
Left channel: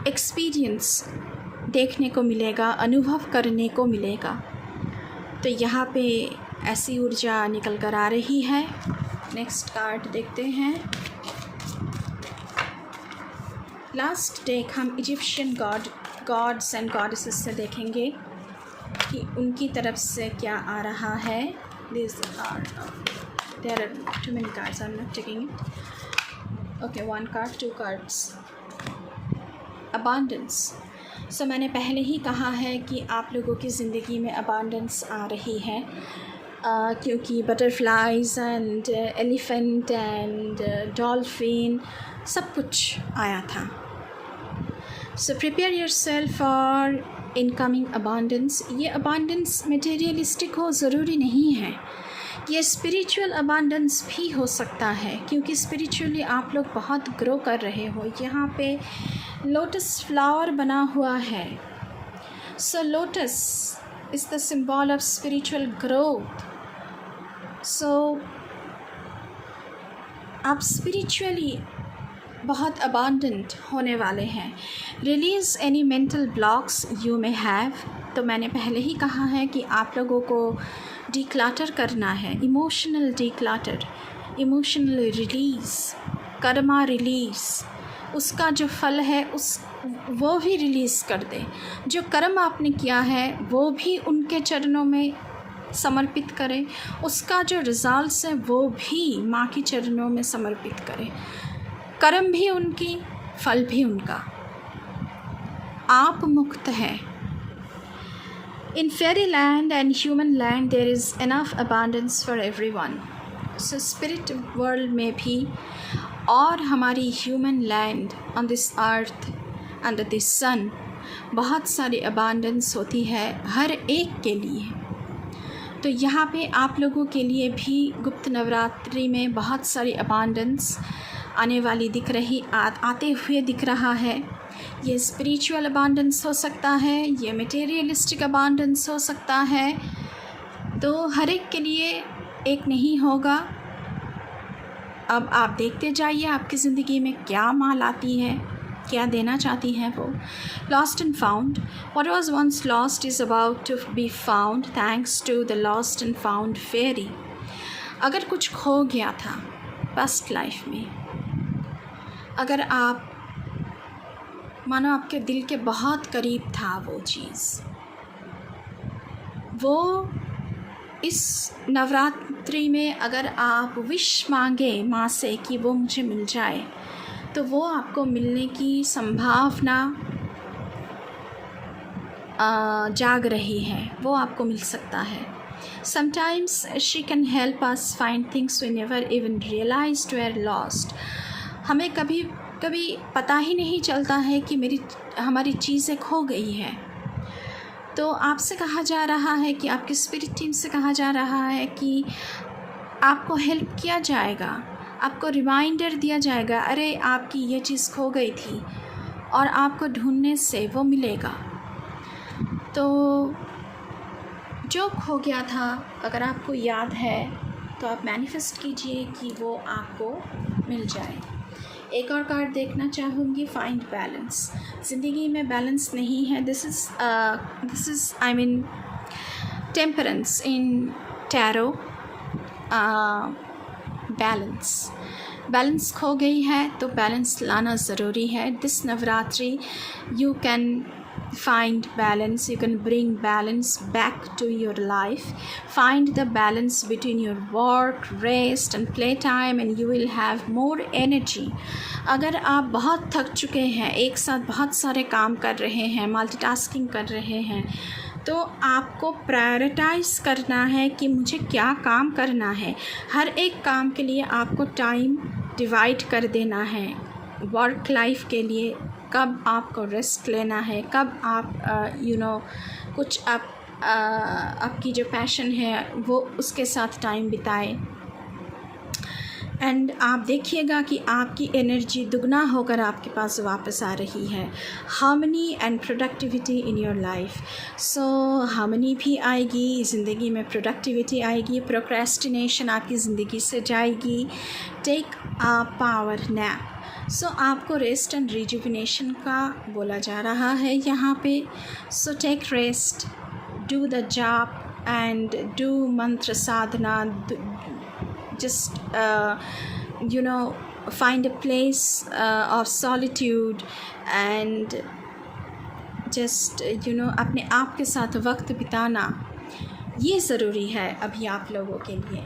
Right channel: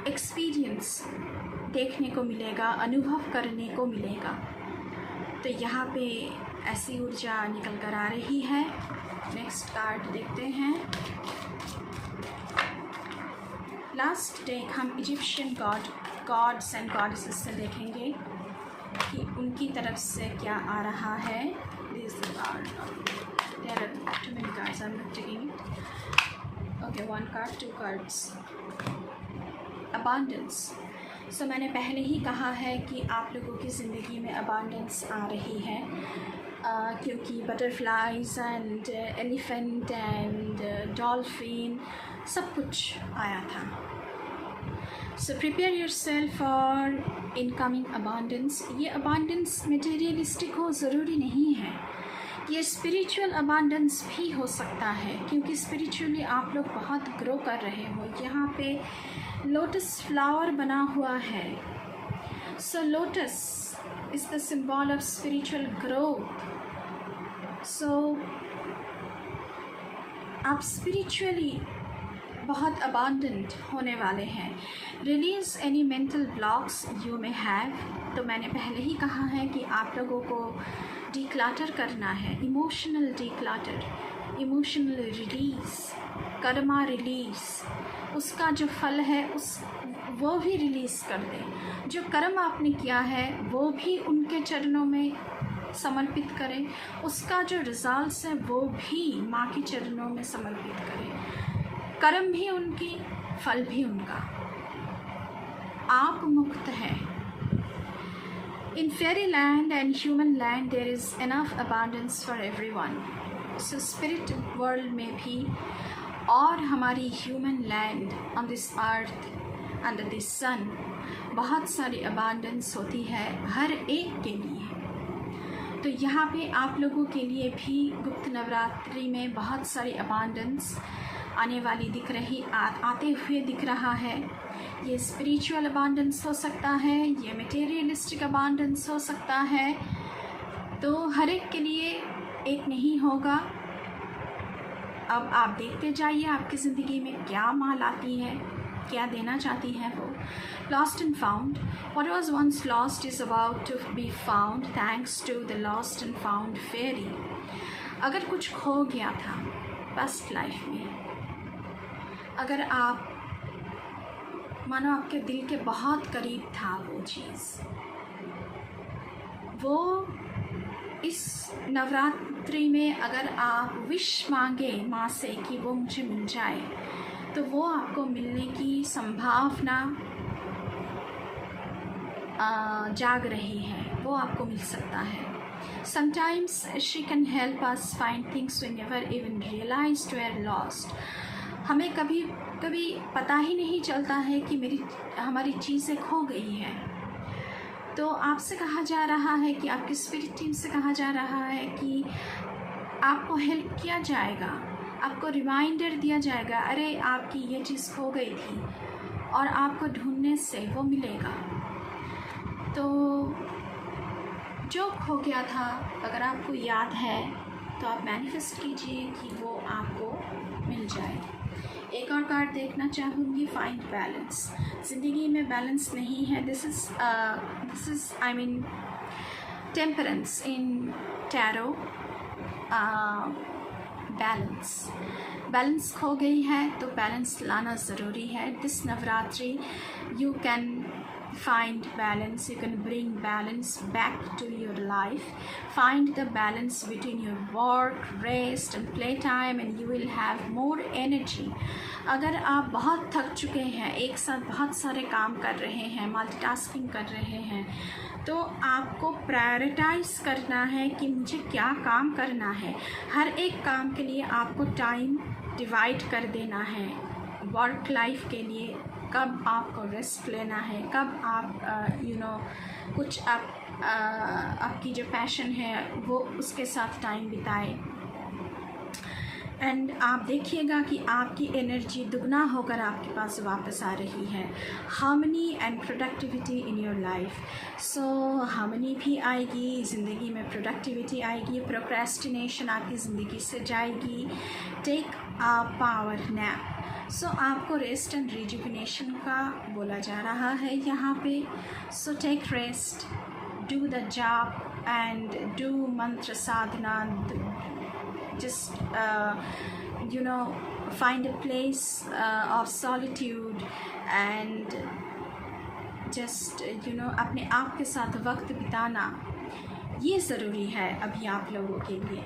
एक्सपीरियंस देखने को मिलेगा, अनुभव करने को मिलेगा। तो यहाँ पे ऐसी ऊर्जा निकल कर आ रही है। नेक्स्ट कार्ड देखते हैं। लास्ट डेक हम इजिप्शियन गॉड्स एंड गॉडेसेस से देखेंगे कि उनकी तरफ से क्या आ रहा है। There are too many cards, I'm not taking it. Okay, 1 card, 2 cards. Abundance. मैंने पहले ही कहा है कि आप लोगों की ज़िंदगी में अबांडेंस आ रही है। क्योंकि butterflies and elephant and dolphin सब कुछ आया था। So prepare yourself for incoming abundance. ये अबांडेंस मटेरियलिस्टिक हो ज़रूरी नहीं है, ये स्पिरिचुअल अबांडेंस भी हो सकता है, क्योंकि स्पिरिचुअली आप लोग बहुत ग्रो कर रहे हो। यहाँ पे लोटस फ्लावर बना हुआ है। So lotus is the symbol of spiritual growth. So आप स्पिरिचुअली बहुत अबांडेंट होने वाले हैं। Release any mental blocks you may have. तो मैंने पहले ही कहा है कि आप लोगों को डिक्लटर करना है, emotional declutter, emotional release, Karma release, उसका जो फल है वो भी रिलीज़ कर दें। जो कर्म आपने किया है वो भी उनके चरणों में समर्पित करें, उसका जो रिजल्ट्स है वो भी माँ के चरणों में समर्पित करें। कर्म भी उनकी, फल भी उनका। आप मुक्त हैं। In fairyland and human land there is enough abundance for everyone. So spirit world में भी और हमारी human land on this earth under the sun बहुत सारी abundance होती है हर एक के लिए। तो यहाँ पे आप लोगों के लिए भी गुप्त नवरात्रि में बहुत सारी abundance आने वाली दिख रही, आते हुए दिख रहा है। ये स्पिरिचुअल अबांडेंस हो सकता है, ये मटेरियलिस्टिक अबांडेंस हो सकता है। तो हर एक के लिए एक नहीं होगा। अब आप देखते जाइए आपकी ज़िंदगी में क्या माल आती है, क्या देना चाहती हैं वो। Lost and found. What was once lost is about to be found thanks to the lost and found fairy. अगर कुछ खो गया था पास्ट लाइफ में, अगर आप मानो आपके दिल के बहुत करीब था वो चीज़, वो इस नवरात्रि में अगर आप विश मांगे माँ से कि वो मुझे मिल जाए, तो वो आपको मिलने की संभावना जाग रही है, वो आपको मिल सकता है। Sometimes she can help us find things we never even realized were lost. हमें कभी कभी पता ही नहीं चलता है कि हमारी चीज़ें खो गई हैं। तो आपसे कहा जा रहा है कि आपकी स्पिरिट टीम से कहा जा रहा है कि आपको हेल्प किया जाएगा, आपको रिमाइंडर दिया जाएगा, अरे आपकी ये चीज़ खो गई थी और आपको ढूंढने से वो मिलेगा। तो जो खो गया था अगर आपको याद है तो आप मैनिफेस्ट कीजिए कि वो आपको मिल जाए। एक और कार्ड देखना चाहूँगी, फाइंड बैलेंस। ज़िंदगी में बैलेंस नहीं है। This is I mean temperance in tarot. Balance खो गई है तो बैलेंस लाना ज़रूरी है। This Navratri you can find balance, you can bring balance back to your life. Find the balance between your work, rest and play time and you will have more energy. अगर आप बहुत थक चुके हैं, एक साथ बहुत सारे काम कर रहे हैं, मल्टीटास्किंग कर रहे हैं, तो आपको प्रायोरिटाइज करना है कि मुझे क्या काम करना है। हर एक काम के लिए आपको टाइम डिवाइड कर देना है। वर्क लाइफ के लिए कब आपको रेस्ट लेना है, कब आप कुछ आपकी जो पैशन है वो उसके साथ टाइम बिताएं। एंड आप देखिएगा कि आपकी एनर्जी दुगना होकर आपके पास वापस आ रही है। Harmony and productivity in your life. So harmony भी आएगी ज़िंदगी में, प्रोडक्टिविटी आएगी, प्रोक्रेस्टिनेशन आपकी ज़िंदगी से जाएगी। Take a power nap. So आपको रेस्ट एंड रिजुविनेशन का बोला जा रहा है यहाँ पे। So take rest, do the jaap and do mantra sadhana. Just find a place of solitude and just अपने आप के साथ वक्त बिताना ये ज़रूरी है अभी आप लोगों के लिए।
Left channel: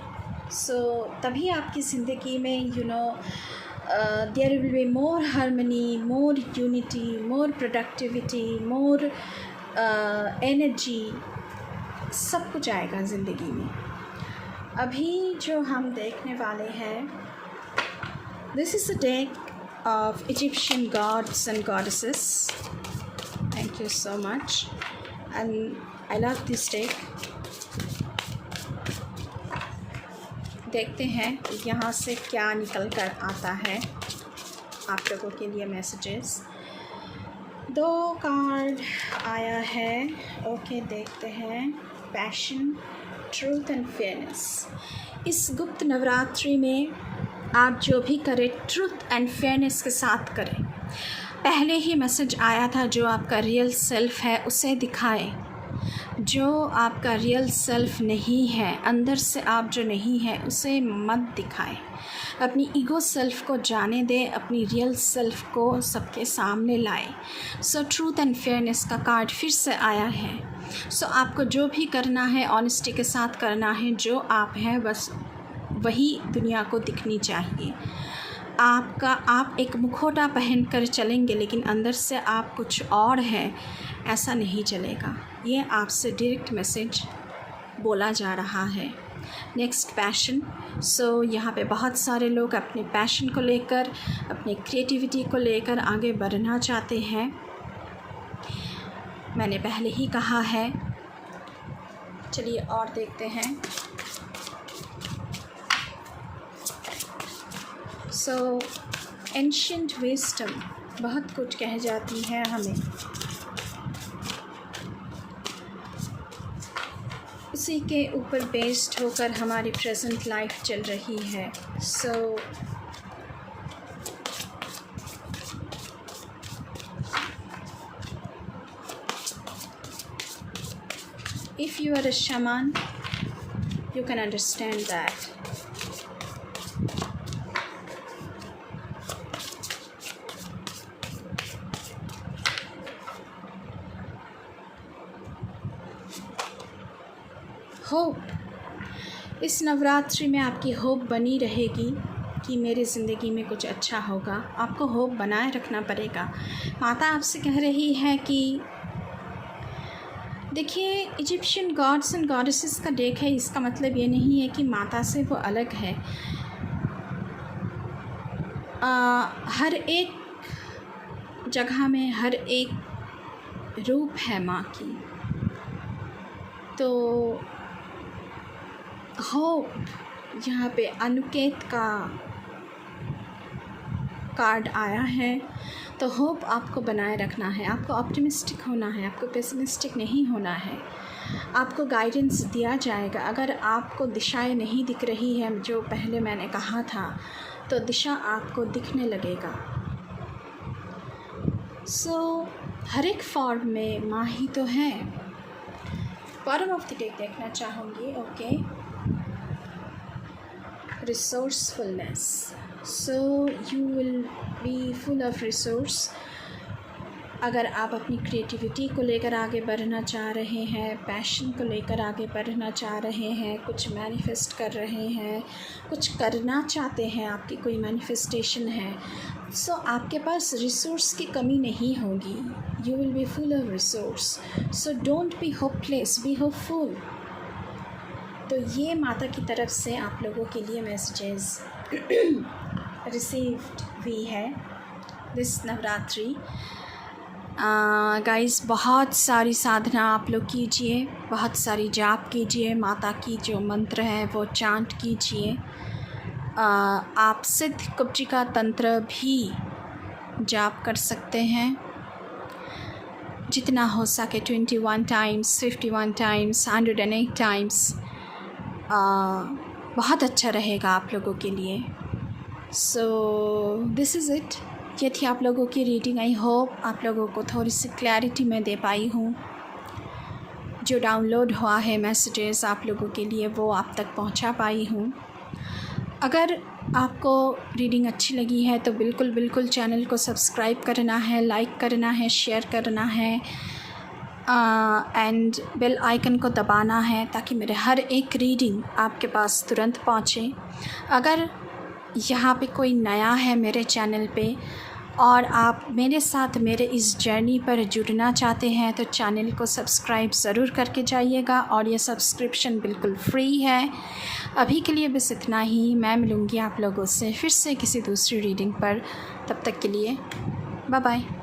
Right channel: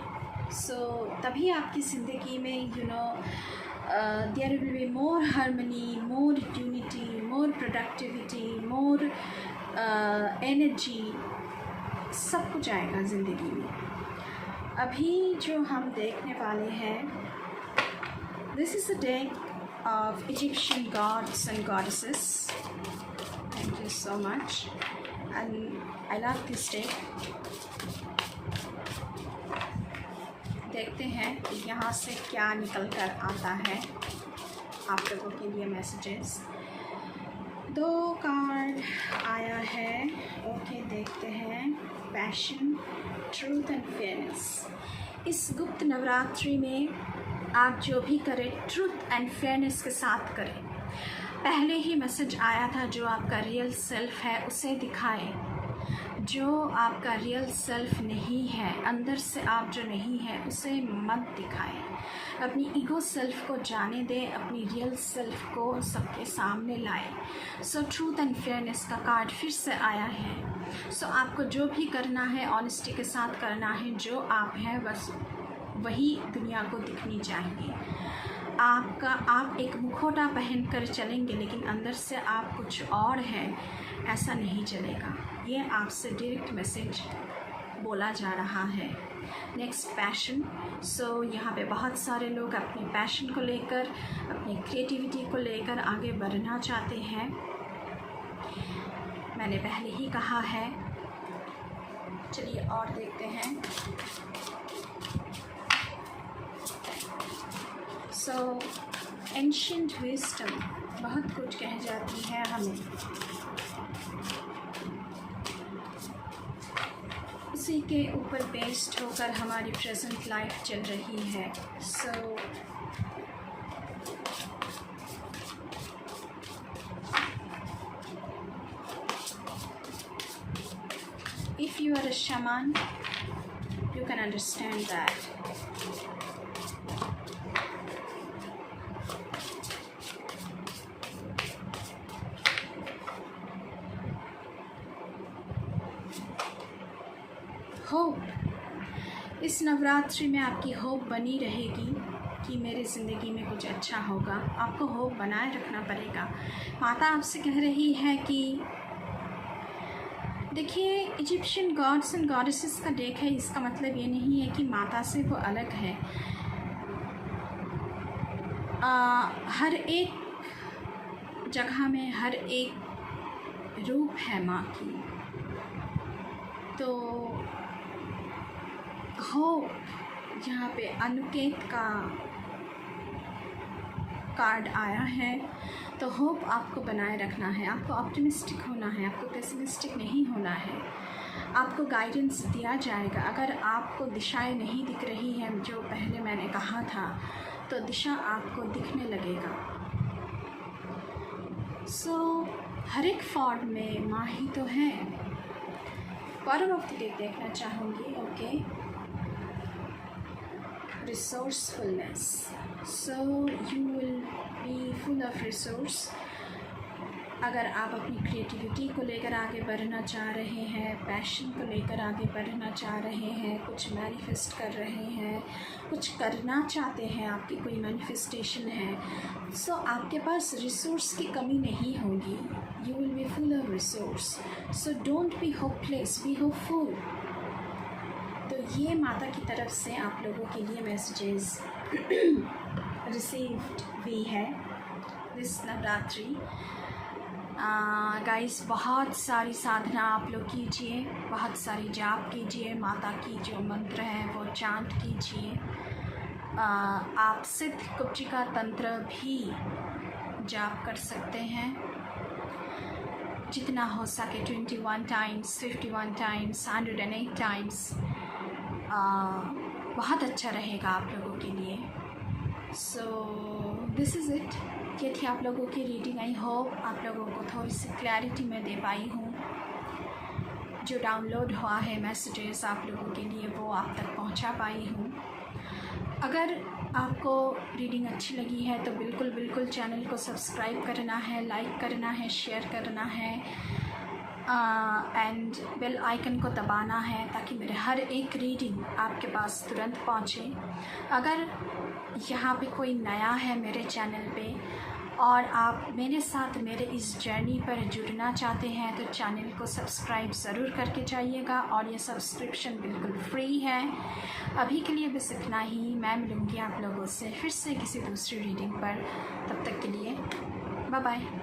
सो तभी आपकी ज़िंदगी में there will be more harmony, more unity, more productivity, more energy, सब कुछ आएगा ज़िंदगी में। अभी जो हम देखने वाले हैं, this is a deck of Egyptian gods and goddesses. Thank you so much and I love this deck. देखते हैं यहाँ से क्या निकल कर आता है आप लोगों के लिए मैसेजेस। 2 कार्ड आया है। ओके, देखते हैं। Passion, truth and fairness. इस गुप्त नवरात्रि में आप जो भी करें ट्रूथ एंड फेयरनेस के साथ करें। पहले ही मैसेज आया था, जो आपका रियल सेल्फ है उसे दिखाएं। जो आपका रियल सेल्फ नहीं है, अंदर से आप जो नहीं है उसे मत दिखाएं। अपनी ईगो सेल्फ को जाने दें, अपनी रियल सेल्फ को सबके सामने लाएं। सो ट्रूथ एंड फेयरनेस का कार्ड फिर से आया है। सो आपको जो भी करना है ऑनेस्टी के साथ करना है। जो आप हैं बस वही दुनिया को दिखनी चाहिए। आप एक मुखौटा पहन कर चलेंगे लेकिन अंदर से आप कुछ और हैं, ऐसा नहीं चलेगा। ये आपसे डायरेक्ट मैसेज बोला जा रहा है। Next, passion. सो यहाँ पे बहुत सारे लोग अपने पैशन को लेकर, अपनी क्रिएटिविटी को लेकर आगे बढ़ना चाहते हैं। मैंने पहले ही कहा है। चलिए और देखते हैं। सो एंशिएंट विजडम बहुत कुछ कह जाती है हमें, उसी के ऊपर बेस्ड होकर हमारी प्रेजेंट लाइफ चल रही है। सो if you are a shaman, you can understand that. Hope, इस नवरात्रि में आपकी होप बनी रहेगी कि मेरी ज़िंदगी में कुछ अच्छा होगा। आपको होप बनाए रखना पड़ेगा। माता आपसे कह रही है कि देखिए, इजिप्शियन गॉड्स एंड गॉडेसेस का डेक है। इसका मतलब ये नहीं है कि माता से वो अलग है। हर एक जगह में हर एक रूप है माँ की। तो होप, यहाँ पे अनुकेत का कार्ड आया है। तो होप आपको बनाए रखना है। आपको ऑप्टिमिस्टिक होना है, आपको पेसिमिस्टिक नहीं होना है। आपको गाइडेंस दिया जाएगा। अगर आपको दिशाएं नहीं दिख रही हैं, जो पहले मैंने कहा था, तो दिशा आपको दिखने लगेगा। सो हर एक फॉर्म में माँ ही तो है। बॉटम ऑफ द डेक देखना चाहूँगी। Okay, resourcefulness. So you will be full of resource। अगर आप अपनी क्रिएटिविटी को लेकर आगे बढ़ना चाह रहे हैं, पैशन को लेकर आगे बढ़ना चाह रहे हैं, कुछ मैनिफेस्ट कर रहे हैं, कुछ करना चाहते हैं, आपकी कोई मैनिफेस्टेशन है, सो आपके पास रिसोर्स की कमी नहीं होगी। You will be full of resource. So don't be hopeless, be hopeful. तो ये माता की तरफ से आप लोगों के लिए मैसेजेस रिसीव्ड हुई है दिस नवरात्रि। गाइस, बहुत सारी साधना आप लोग कीजिए, बहुत सारी जाप कीजिए, माता की जो मंत्र है वो चांट कीजिए। आप सिद्ध कुब्जिका तंत्र भी जाप कर सकते हैं, जितना हो सके 21 टाइम्स, 51 टाइम्स, 108 टाइम्स। बहुत अच्छा रहेगा आप लोगों के लिए। So this is it. ये थी आप लोगों की रीडिंग। आई होप आप लोगों को थोड़ी सी क्लैरिटी मैं दे पाई हूँ। जो डाउनलोड हुआ है मैसेजेस आप लोगों के लिए, वो आप तक पहुँचा पाई हूँ। अगर आपको रीडिंग अच्छी लगी है तो बिल्कुल चैनल को सब्सक्राइब करना है, लाइक करना है, शेयर करना है एंड बेल आइकन को दबाना है, ताकि मेरे हर एक रीडिंग आपके पास तुरंत पहुँचे। अगर यहाँ पे कोई नया है मेरे चैनल पे, और आप मेरे साथ मेरे इस जर्नी पर जुड़ना चाहते हैं तो चैनल को सब्सक्राइब ज़रूर करके जाइएगा, और ये सब्सक्रिप्शन बिल्कुल फ्री है। अभी के लिए बस इतना ही। मैं मिलूँगी आप लोगों से फिर से किसी दूसरी रीडिंग पर। तब तक के लिए बाय बाय।